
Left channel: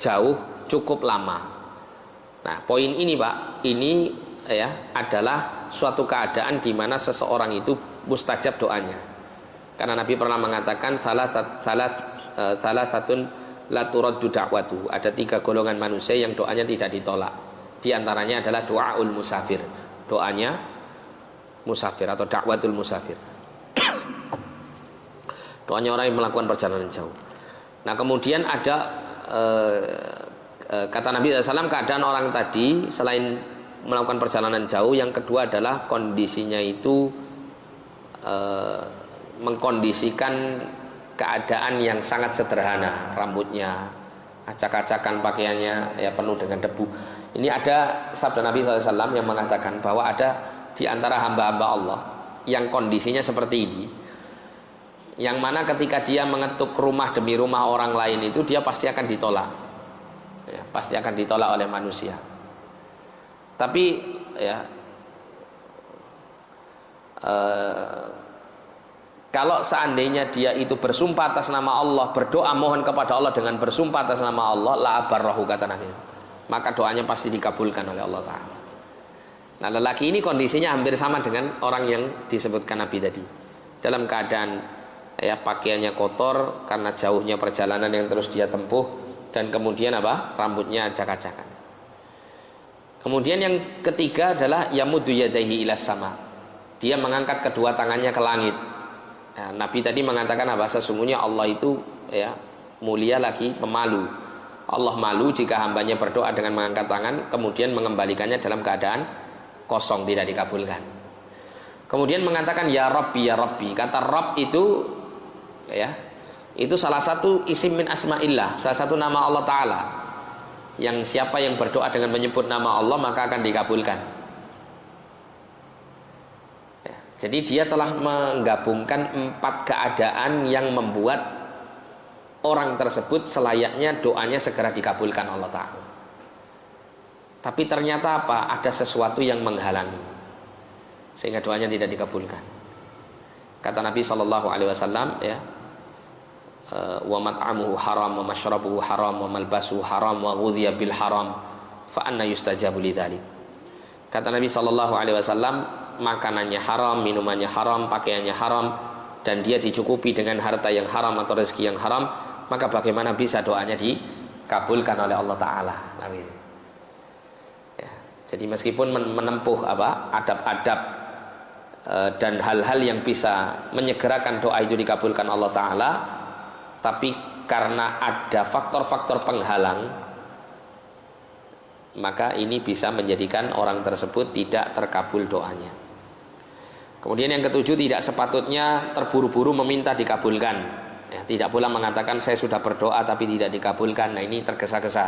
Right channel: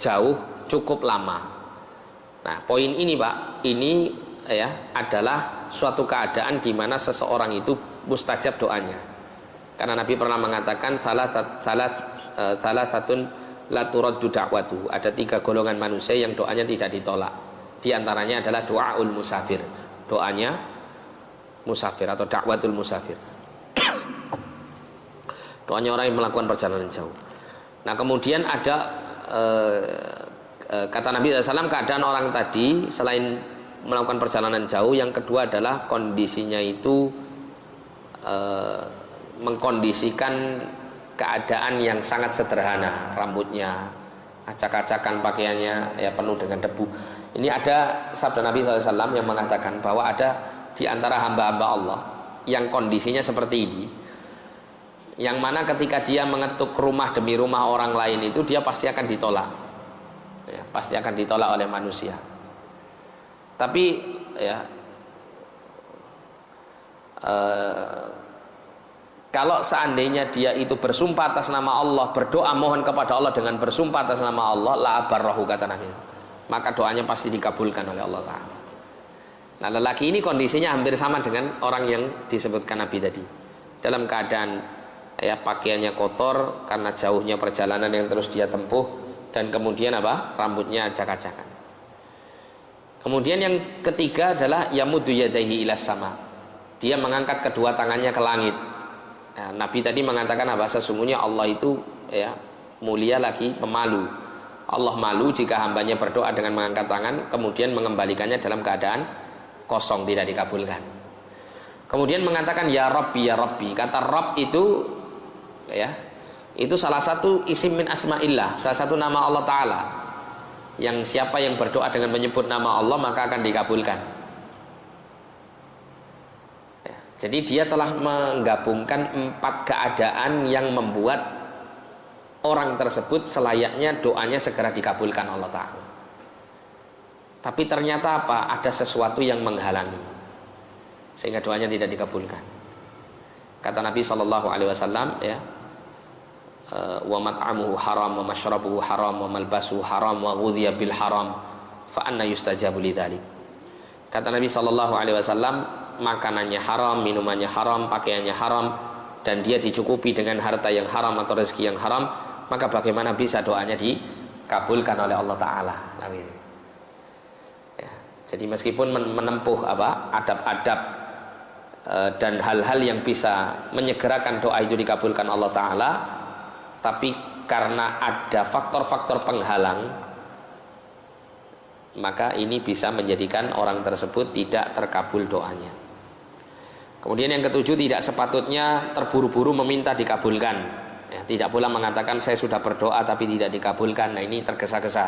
jauh cukup lama. Nah poin ini Pak, ini ya adalah suatu keadaan di mana seseorang itu mustajab doanya. Karena Nabi pernah mengatakan salah satun la turaddu da'watu. Ada 3 golongan manusia yang doanya tidak ditolak. Di antaranya adalah doaul musafir, doanya musafir atau dakwatul musafir. Doanya orang yang melakukan perjalanan jauh. Nah kemudian ada kata Nabi SAW, keadaan orang tadi selain melakukan perjalanan jauh, yang kedua adalah kondisinya itu mengkondisikan keadaan yang sangat sederhana, rambutnya acak-acakan, pakaiannya ya penuh dengan debu. Ini ada sabda Nabi SAW yang mengatakan bahwa ada di antara hamba-hamba Allah yang kondisinya seperti ini, yang mana ketika dia mengetuk rumah demi rumah orang lain itu dia pasti akan ditolak ya, pasti akan ditolak oleh manusia. Tapi ya kalau seandainya dia itu bersumpah atas nama Allah, berdoa mohon kepada Allah dengan bersumpah atas nama Allah, la abarrahu, kata Nabi, maka doanya pasti dikabulkan oleh Allah Ta'ala. Nah, lelaki ini kondisinya hampir sama dengan orang yang disebutkan Nabi tadi. Dalam keadaan ya pakaiannya kotor karena jauhnya perjalanan yang terus dia tempuh, dan kemudian apa? Rambutnya acak-acakan. Kemudian yang ketiga adalah yamuddu yadaihi ilas sama. Dia mengangkat kedua tangannya ke langit. Nah, Nabi tadi mengatakan apa? Sesungguhnya Allah itu ya mulia lagi pemalu. Allah malu jika hambanya berdoa dengan mengangkat tangan kemudian mengembalikannya dalam keadaan kosong, tidak dikabulkan. Kemudian mengatakan ya Rabbi ya Rabbi. Kata Rabb itu ya itu salah satu isim min asma'illah, salah satu nama Allah Ta'ala, yang siapa yang berdoa dengan menyebut nama Allah maka akan dikabulkan ya, jadi dia telah menggabungkan 4 keadaan yang membuat orang tersebut selayaknya doanya segera dikabulkan Allah Ta'ala. Tapi ternyata apa? Ada sesuatu yang menghalangi sehingga doanya tidak dikabulkan. Kata Nabi SAW ya, wa mat'amuhu haram wa mashrabuhu haram wa malbasuhu haram wa ghudhiya bil haram fa anna yustajabu lidzalik. Kata Nabi SAW, makanannya haram, minumannya haram, pakaiannya haram, dan dia dicukupi dengan harta yang haram atau rezeki yang haram, maka bagaimana bisa doanya dikabulkan oleh Allah Ta'ala? Amin. Ya, jadi meskipun menempuh apa adab-adab dan hal-hal yang bisa menyegerakan doa itu dikabulkan Allah Ta'ala, tapi karena ada faktor-faktor penghalang, maka ini bisa menjadikan orang tersebut tidak terkabul doanya. Kemudian yang ketujuh, tidak sepatutnya terburu-buru meminta dikabulkan ya, tidak pula mengatakan saya sudah berdoa tapi tidak dikabulkan. Nah, ini tergesa-gesa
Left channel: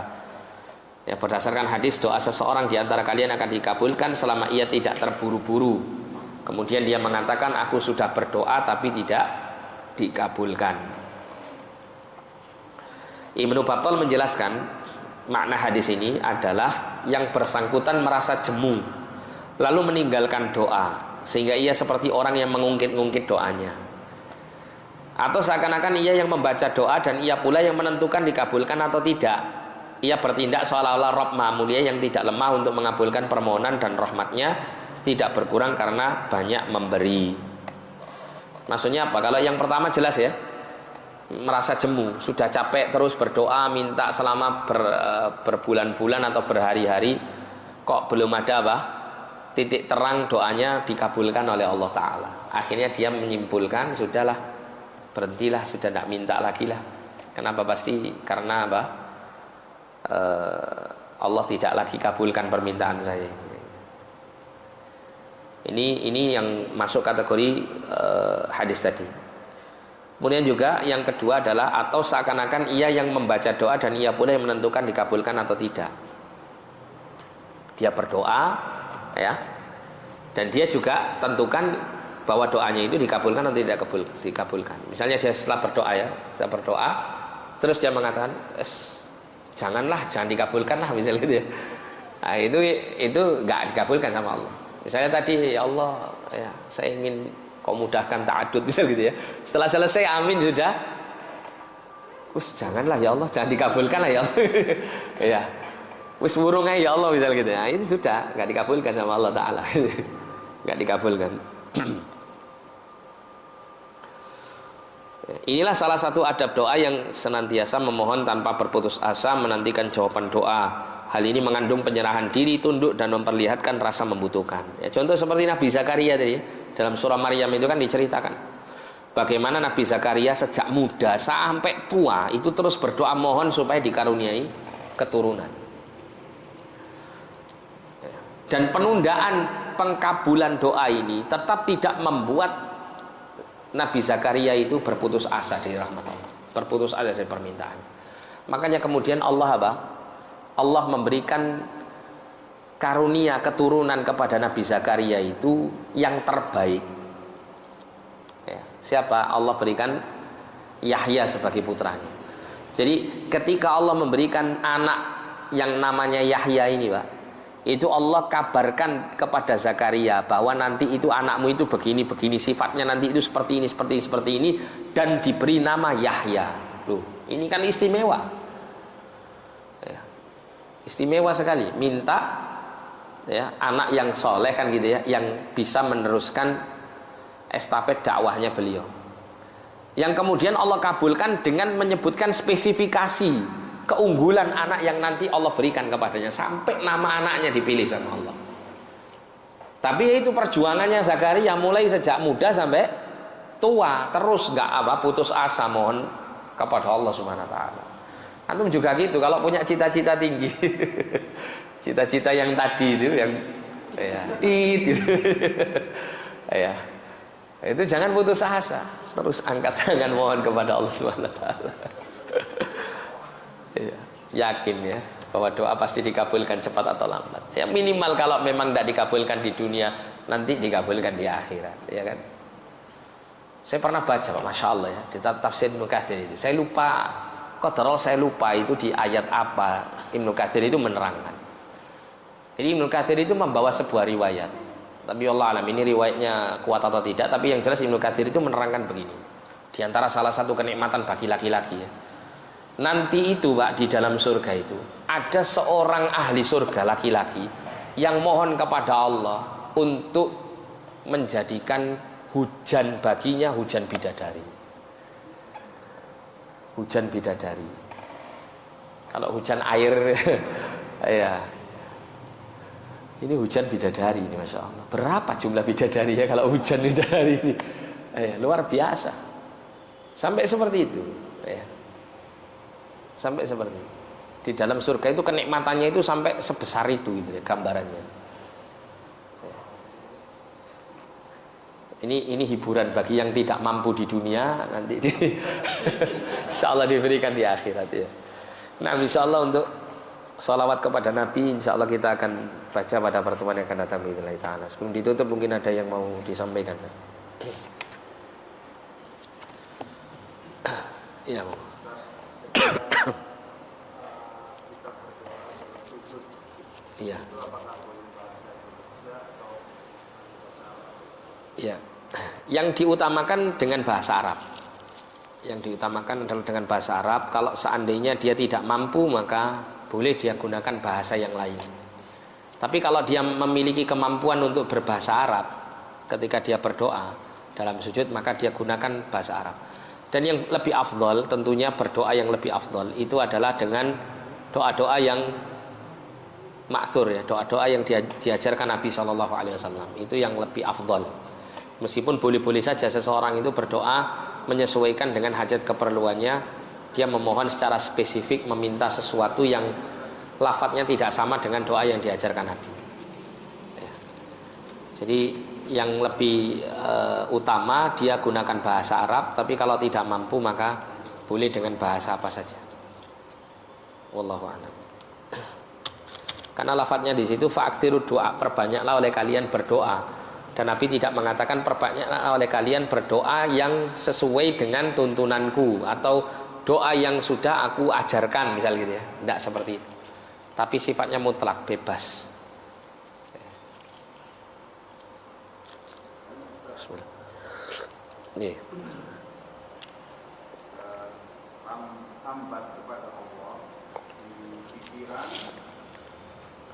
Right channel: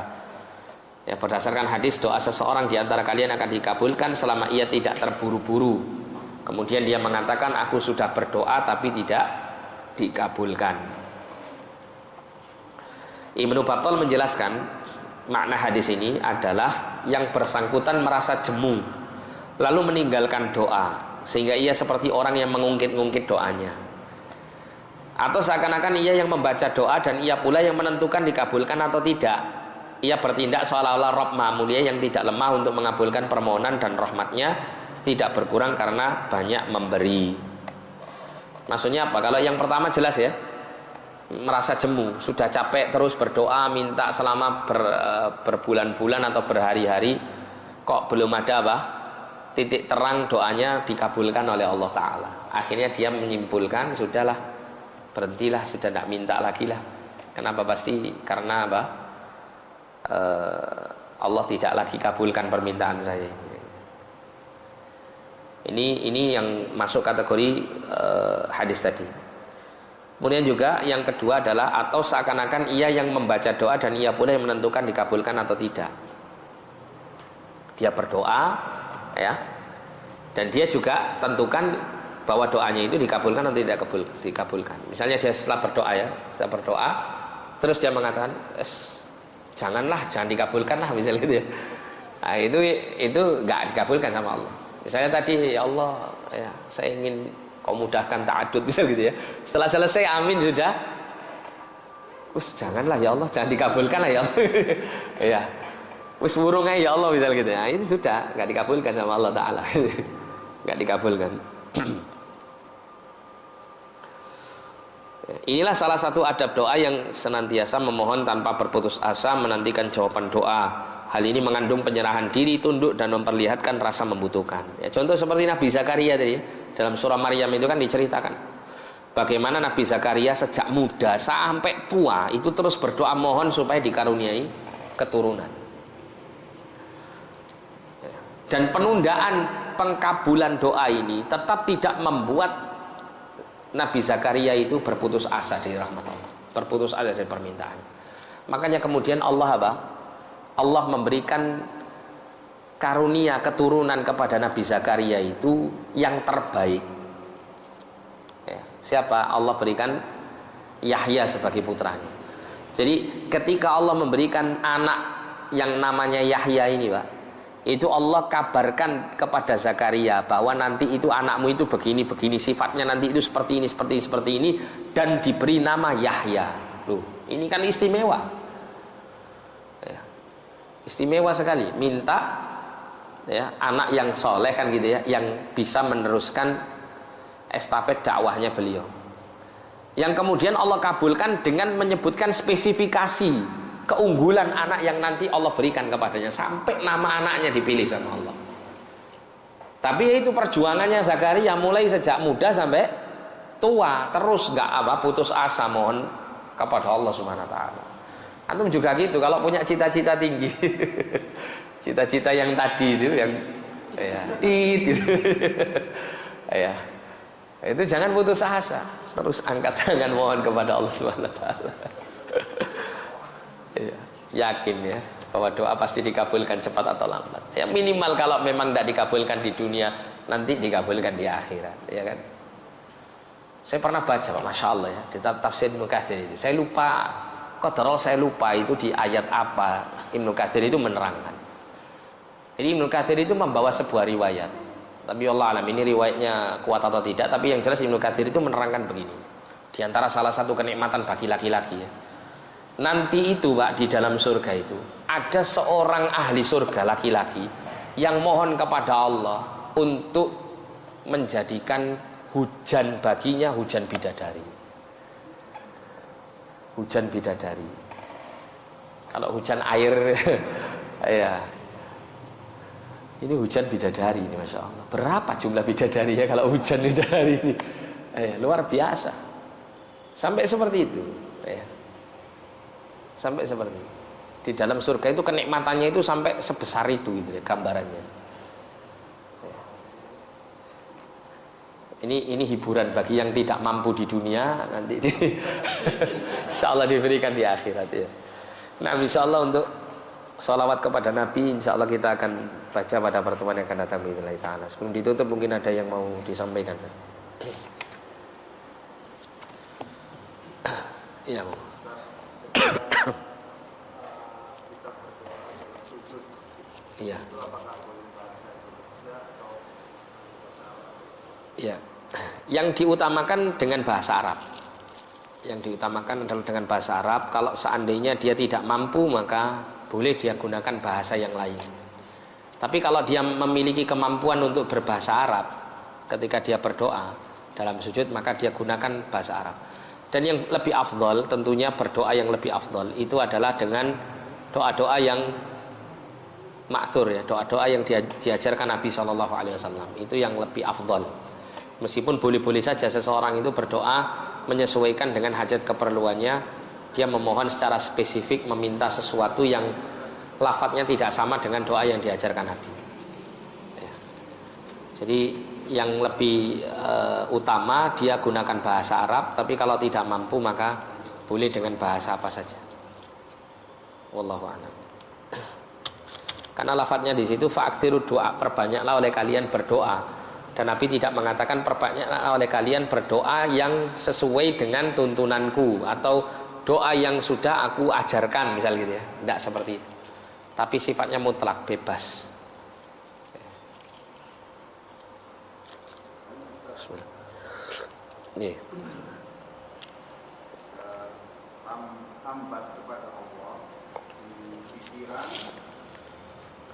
ya, berdasarkan hadis doa seseorang di antara kalian akan dikabulkan selama ia tidak terburu-buru. Kemudian dia mengatakan aku sudah berdoa tapi tidak dikabulkan. Ibnu Battal menjelaskan makna hadis ini adalah yang bersangkutan merasa jemu lalu meninggalkan doa sehingga ia seperti orang yang mengungkit-ungkit doanya, atau seakan-akan ia yang membaca doa dan ia pula yang menentukan dikabulkan atau tidak. Ia bertindak seolah-olah Rabb Maha Mulia yang tidak lemah untuk mengabulkan permohonan dan rahmatnya tidak berkurang karena banyak memberi. Maksudnya apa? Kalau yang pertama jelas ya, merasa jemu, sudah capek terus berdoa minta selama berbulan-bulan atau berhari-hari, kok belum ada apa? Titik terang doanya dikabulkan oleh Allah Ta'ala. Akhirnya dia menyimpulkan sudahlah, berhentilah, sudah tidak minta lagi lah. Kenapa? Pasti karena apa? Allah tidak lagi kabulkan permintaan saya ini yang masuk kategori hadis tadi. Kemudian juga yang kedua adalah atau seakan-akan ia yang membaca doa dan ia pula yang menentukan dikabulkan atau tidak. Dia berdoa ya, dan dia juga tentukan bahwa doanya itu dikabulkan atau tidak dikabulkan. Misalnya dia setelah berdoa terus dia mengatakan jangan dikabulkan lah, misalnya gitu ya. Nah, itu nggak dikabulkan sama Allah. Misalnya tadi ya Allah ya, saya ingin kau mudahkan ta'adud misal gitu ya. Setelah selesai amin sudah, janganlah ya Allah, jangan dikabulkan lah ya Allah. Ya, burung aja ya Allah misal gitu ya. Itu sudah nggak dikabulkan sama Allah Ta'ala. Nggak dikabulkan. Inilah salah satu adab doa yang senantiasa memohon tanpa berputus asa menantikan jawaban doa. Hal ini mengandung penyerahan diri, tunduk, dan memperlihatkan rasa membutuhkan ya, contoh seperti Nabi Zakaria tadi dalam surah Maryam itu kan diceritakan bagaimana Nabi Zakaria sejak muda sampai tua itu terus berdoa mohon supaya dikaruniai keturunan. Dan penundaan pengkabulan doa ini tetap tidak membuat Nabi Zakaria itu berputus asa dari rahmat Allah, berputus asa dari permintaan. Makanya kemudian Allah memberikan karunia keturunan kepada Nabi Zakaria itu yang terbaik ya, siapa? Allah berikan Yahya sebagai putranya. Jadi ketika Allah memberikan anak yang namanya Yahya ini, Pak, itu Allah kabarkan kepada Zakaria bahwa nanti itu anakmu itu begini sifatnya, nanti itu seperti ini dan diberi nama Yahya. Loh, ini kan istimewa. Ya. Istimewa sekali, minta ya anak yang soleh kan gitu ya, yang bisa meneruskan estafet dakwahnya beliau. Yang kemudian Allah kabulkan dengan menyebutkan spesifikasi keunggulan anak yang nanti Allah berikan kepadanya, sampai nama anaknya dipilih sama Allah. Tapi ya itu perjuangannya Zakaria mulai sejak muda sampai tua, terus nggak putus asa mohon kepada Allah Subhanahu wa taala. Antum juga gitu kalau punya cita-cita tinggi. Cita-cita yang tadi itu yang ya, gitu. Ya. Itu jangan putus asa, terus angkat tangan mohon kepada Allah Subhanahu wa taala. Ya, yakin ya bahwa doa pasti dikabulkan cepat atau lambat. Ya minimal kalau memang tidak dikabulkan di dunia, nanti dikabulkan di akhirat, ya kan? Saya pernah baca, Masya Allah ya, di tafsir Ibnu Katsir itu. Saya lupa, saya lupa itu di ayat apa Ibnu Katsir itu menerangkan. Jadi Ibnu Katsir itu membawa sebuah riwayat. Tapi Allah alam ini riwayatnya kuat atau tidak, tapi yang jelas Ibnu Katsir itu menerangkan begini. Di antara salah satu kenikmatan bagi laki-laki ya. Nanti itu Pak, di dalam surga itu ada seorang ahli surga laki-laki yang mohon kepada Allah untuk menjadikan hujan baginya hujan bidadari. Hujan bidadari. Kalau hujan air ya. Ini hujan bidadari ini, Masya Allah. Berapa jumlah bidadari ya kalau hujan bidadari ini? Luar biasa. Sampai seperti itu. Sampai seperti itu. Di dalam surga itu kenikmatannya itu sampai sebesar itu gitu ya, gambarannya. Ini hiburan bagi yang tidak mampu di dunia, nanti insya Allah diberikan di akhirat ya. Nah, insya Allah untuk sholawat kepada Nabi, insya Allah kita akan baca pada pertemuan yang akan datang bismillah ta'ala. Sebelum ditutup mungkin ada yang mau disampaikan. Iya, Bu. Iya. Iya. Yang diutamakan dengan bahasa Arab. Yang diutamakan adalah dengan bahasa Arab. Kalau seandainya dia tidak mampu, maka boleh dia gunakan bahasa yang lain. Tapi kalau dia memiliki kemampuan untuk berbahasa Arab ketika dia berdoa dalam sujud, maka dia gunakan bahasa Arab. Dan yang lebih afdol, tentunya berdoa yang lebih afdol itu adalah dengan doa-doa yang ma'thur ya, doa-doa yang diajarkan Nabi SAW. Itu yang lebih afdol. Meskipun boleh-boleh saja seseorang itu berdoa menyesuaikan dengan hajat keperluannya, dia memohon secara spesifik, meminta sesuatu yang lafadznya tidak sama dengan doa yang diajarkan Nabi ya. Jadi yang lebih utama dia gunakan bahasa Arab, tapi kalau tidak mampu maka boleh dengan bahasa apa saja. Wallahu a'lam. Karena lafadznya di situ fa'aksiru doa, perbanyaklah oleh kalian berdoa. Dan Nabi tidak mengatakan perbanyaklah oleh kalian berdoa yang sesuai dengan tuntunanku atau doa yang sudah aku ajarkan misal gitu ya. Tidak seperti itu. Tapi sifatnya mutlak, bebas. Nih. Sambat kepada Allah di pikiran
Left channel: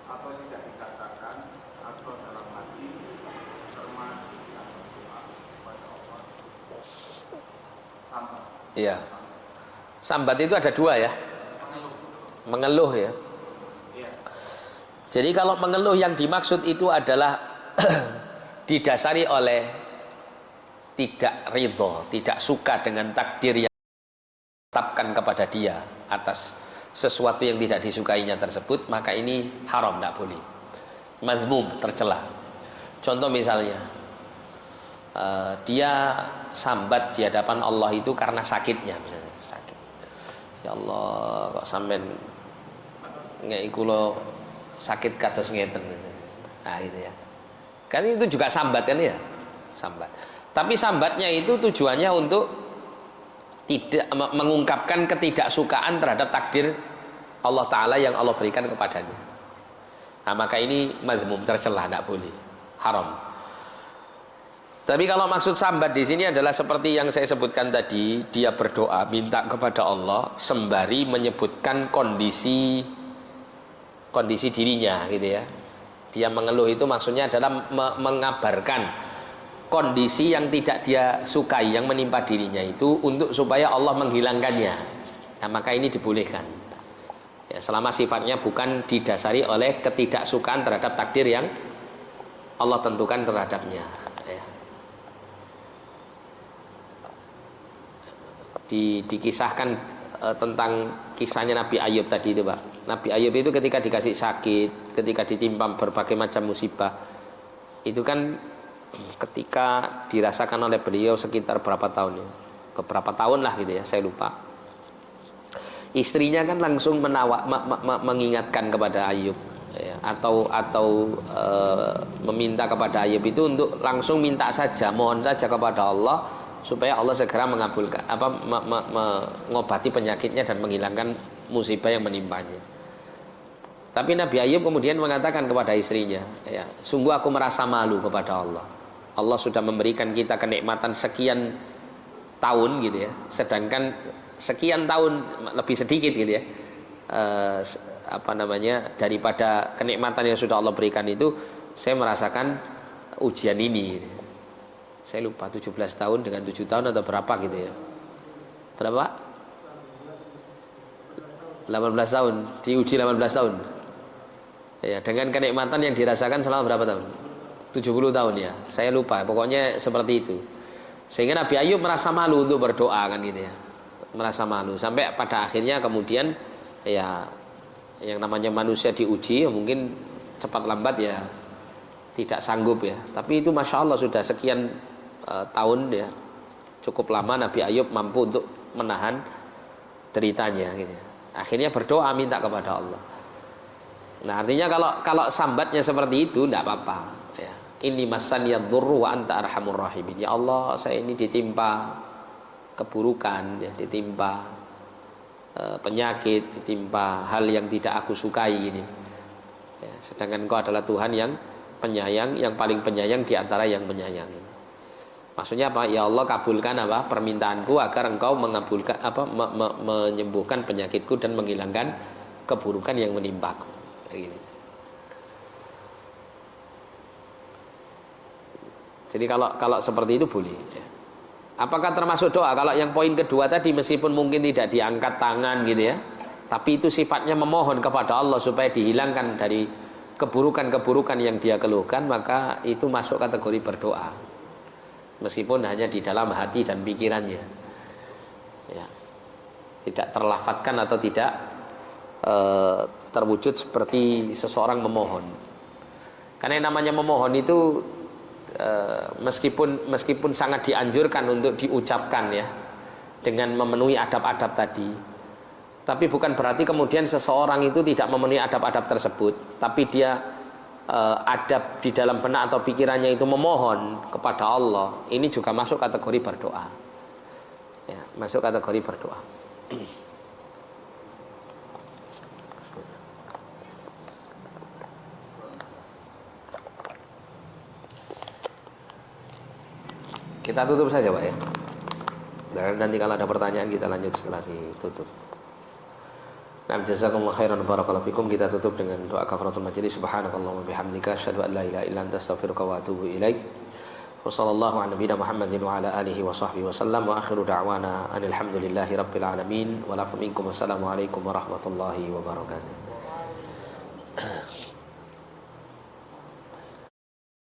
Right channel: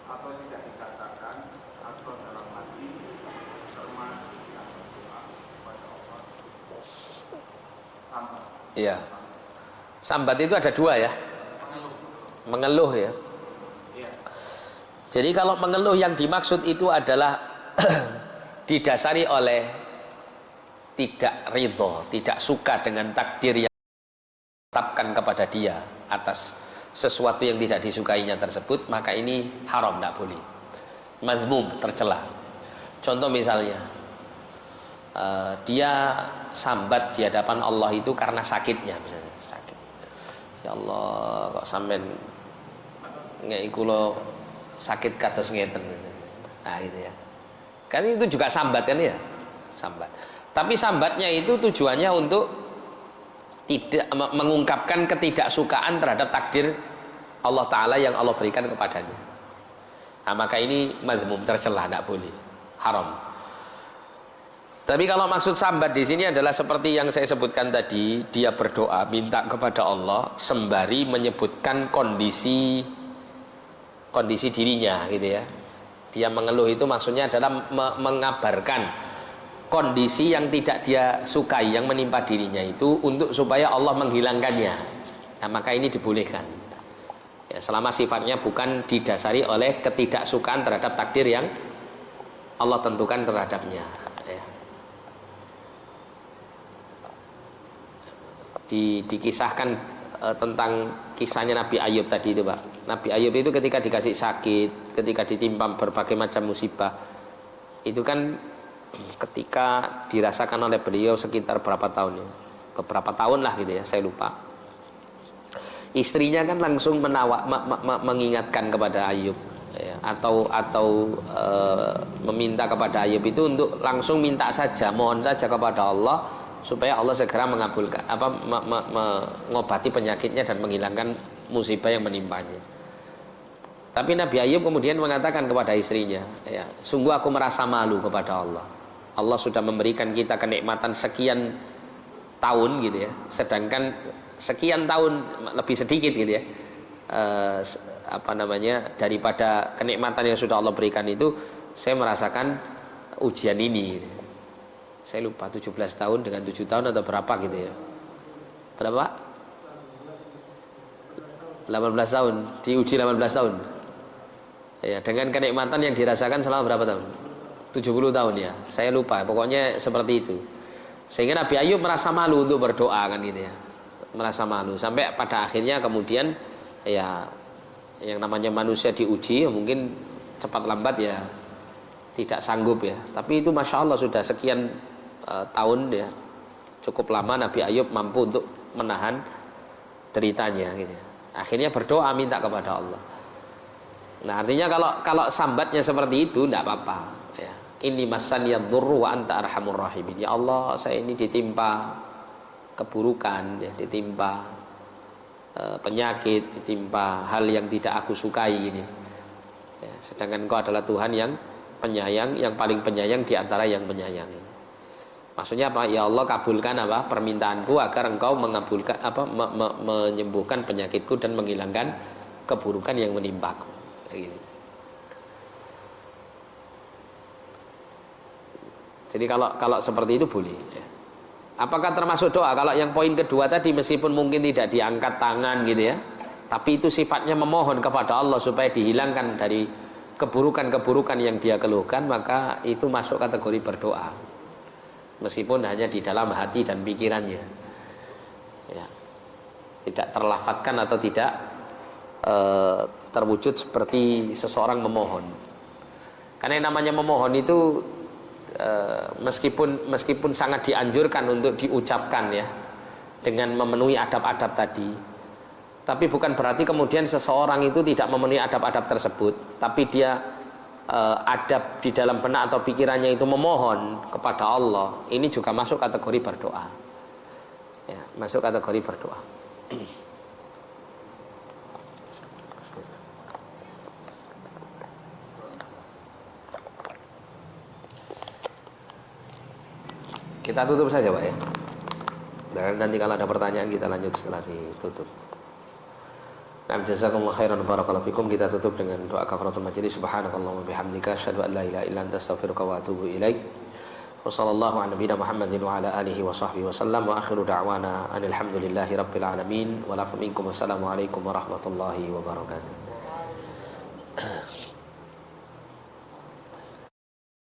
atau tidak dikatakan atau dalam hati termasuk yang berdoa kepada Allah. Sambat. Iya. Sambat itu ada dua ya. Mengeluh ya. Jadi kalau mengeluh yang dimaksud itu adalah didasari oleh tidak ridho, tidak suka dengan takdir yang ditetapkan kepada dia atas sesuatu yang tidak disukainya tersebut, maka ini haram, tidak boleh. Mazmum, tercela. Contoh misalnya, dia sambat di hadapan Allah itu karena sakitnya, misalnya sakit. Ya Allah, kok sampean ngeki kula sakit kados ngeten. Nah, gitu ya. Kan itu juga sambat kan ya? Sambat. Tapi sambatnya itu tujuannya untuk tidak mengungkapkan ketidaksukaan terhadap takdir Allah Ta'ala yang Allah berikan kepadanya. Nah, maka ini mazmum, tercela, tidak boleh, haram. Tapi kalau maksud sambat di sini adalah seperti yang saya sebutkan tadi, dia berdoa minta kepada Allah sembari menyebutkan kondisi dirinya gitu ya. Dia mengeluh itu maksudnya adalah mengabarkan kondisi yang tidak dia sukai yang menimpa dirinya itu untuk supaya Allah menghilangkannya. Nah, maka ini dibolehkan. Ya, selama sifatnya bukan didasari oleh ketidaksukaan terhadap takdir yang Allah tentukan terhadapnya. Ya. Dikisahkan tentang kisahnya Nabi Ayub tadi itu, Pak. Nabi Ayub itu ketika dikasih sakit, ketika ditimpa berbagai macam musibah, itu kan ketika dirasakan oleh beliau sekitar berapa tahun ya? Beberapa tahun lah gitu ya, saya lupa. Istrinya kan langsung mengingatkan kepada Ayub ya, atau meminta kepada Ayub itu untuk langsung minta saja, mohon saja kepada Allah supaya Allah segera mengabulkan mengobati penyakitnya dan menghilangkan musibah yang menimpanya. Tapi Nabi Ayub kemudian mengatakan kepada istrinya, ya, sungguh aku merasa malu kepada Allah. Allah sudah memberikan kita kenikmatan sekian tahun gitu ya, sedangkan sekian tahun lebih sedikit gitu ya, daripada kenikmatan yang sudah Allah berikan itu, saya merasakan ujian ini gitu. Saya lupa 17 tahun dengan 7 tahun atau berapa gitu ya. Berapa? 18 tahun, diuji 18 tahun. Ya, dengan kenikmatan yang dirasakan selama berapa tahun? 70 tahun ya. Saya lupa, pokoknya seperti itu. Sehingga Nabi Ayub merasa malu untuk berdoa kan gitu ya. Merasa malu sampai pada akhirnya kemudian ya yang namanya manusia diuji ya mungkin cepat lambat ya tidak sanggup ya. Tapi itu Masya Allah sudah sekian tahun ya, cukup lama Nabi Ayub mampu untuk menahan deritanya gitu. Akhirnya berdoa minta kepada Allah. Nah, artinya kalau sambatnya seperti itu tidak apa-apa ya. Inni masaniyad dzurru wa anta arhamur rahimin. Ya Allah, saya ini ditimpa keburukan ya, ditimpa penyakit, ditimpa hal yang tidak aku sukai ini ya, sedangkan Engkau adalah Tuhan yang penyayang, yang paling penyayang di antara yang menyayangi. Maksudnya apa? Ya Allah, kabulkan apa permintaanku agar Engkau mengabulkan menyembuhkan penyakitku dan menghilangkan keburukan yang menimpaku. Jadi kalau seperti itu boleh. Apakah termasuk doa? Kalau yang poin kedua tadi meskipun mungkin tidak diangkat tangan gitu ya, tapi itu sifatnya memohon kepada Allah supaya dihilangkan dari keburukan-keburukan yang dia keluhkan, maka itu masuk kategori berdoa. Meskipun hanya di dalam hati dan pikirannya ya, tidak terlafadzkan atau tidak terwujud seperti seseorang memohon. Karena yang namanya memohon itu meskipun sangat dianjurkan untuk diucapkan ya, dengan memenuhi adab-adab tadi, tapi bukan berarti kemudian seseorang itu tidak memenuhi adab-adab tersebut, tapi dia adab di dalam benak atau pikirannya itu memohon kepada Allah, ini juga masuk kategori berdoa ya, masuk kategori berdoa. Kita tutup saja Pak ya, dan nanti kalau ada pertanyaan kita lanjut setelah ditutup. Nah, jazakumullah khairan barakallahu fikum. Kita tutup dengan doa kafaratul majelis. Subhanakallahumma bihamdika asyhadu an la ilaha illa anta astaghfiruka wa atubu ilaik. Wa sallallahu ala nabiyyina Muhammadin wa ala alihi wa sahbihi wa sallam. Wa akhiru da'wana alhamdulillahi rabbil alamin. Wa lakum minkum wassalamu alaikum warahmatullahi wabarakatuh.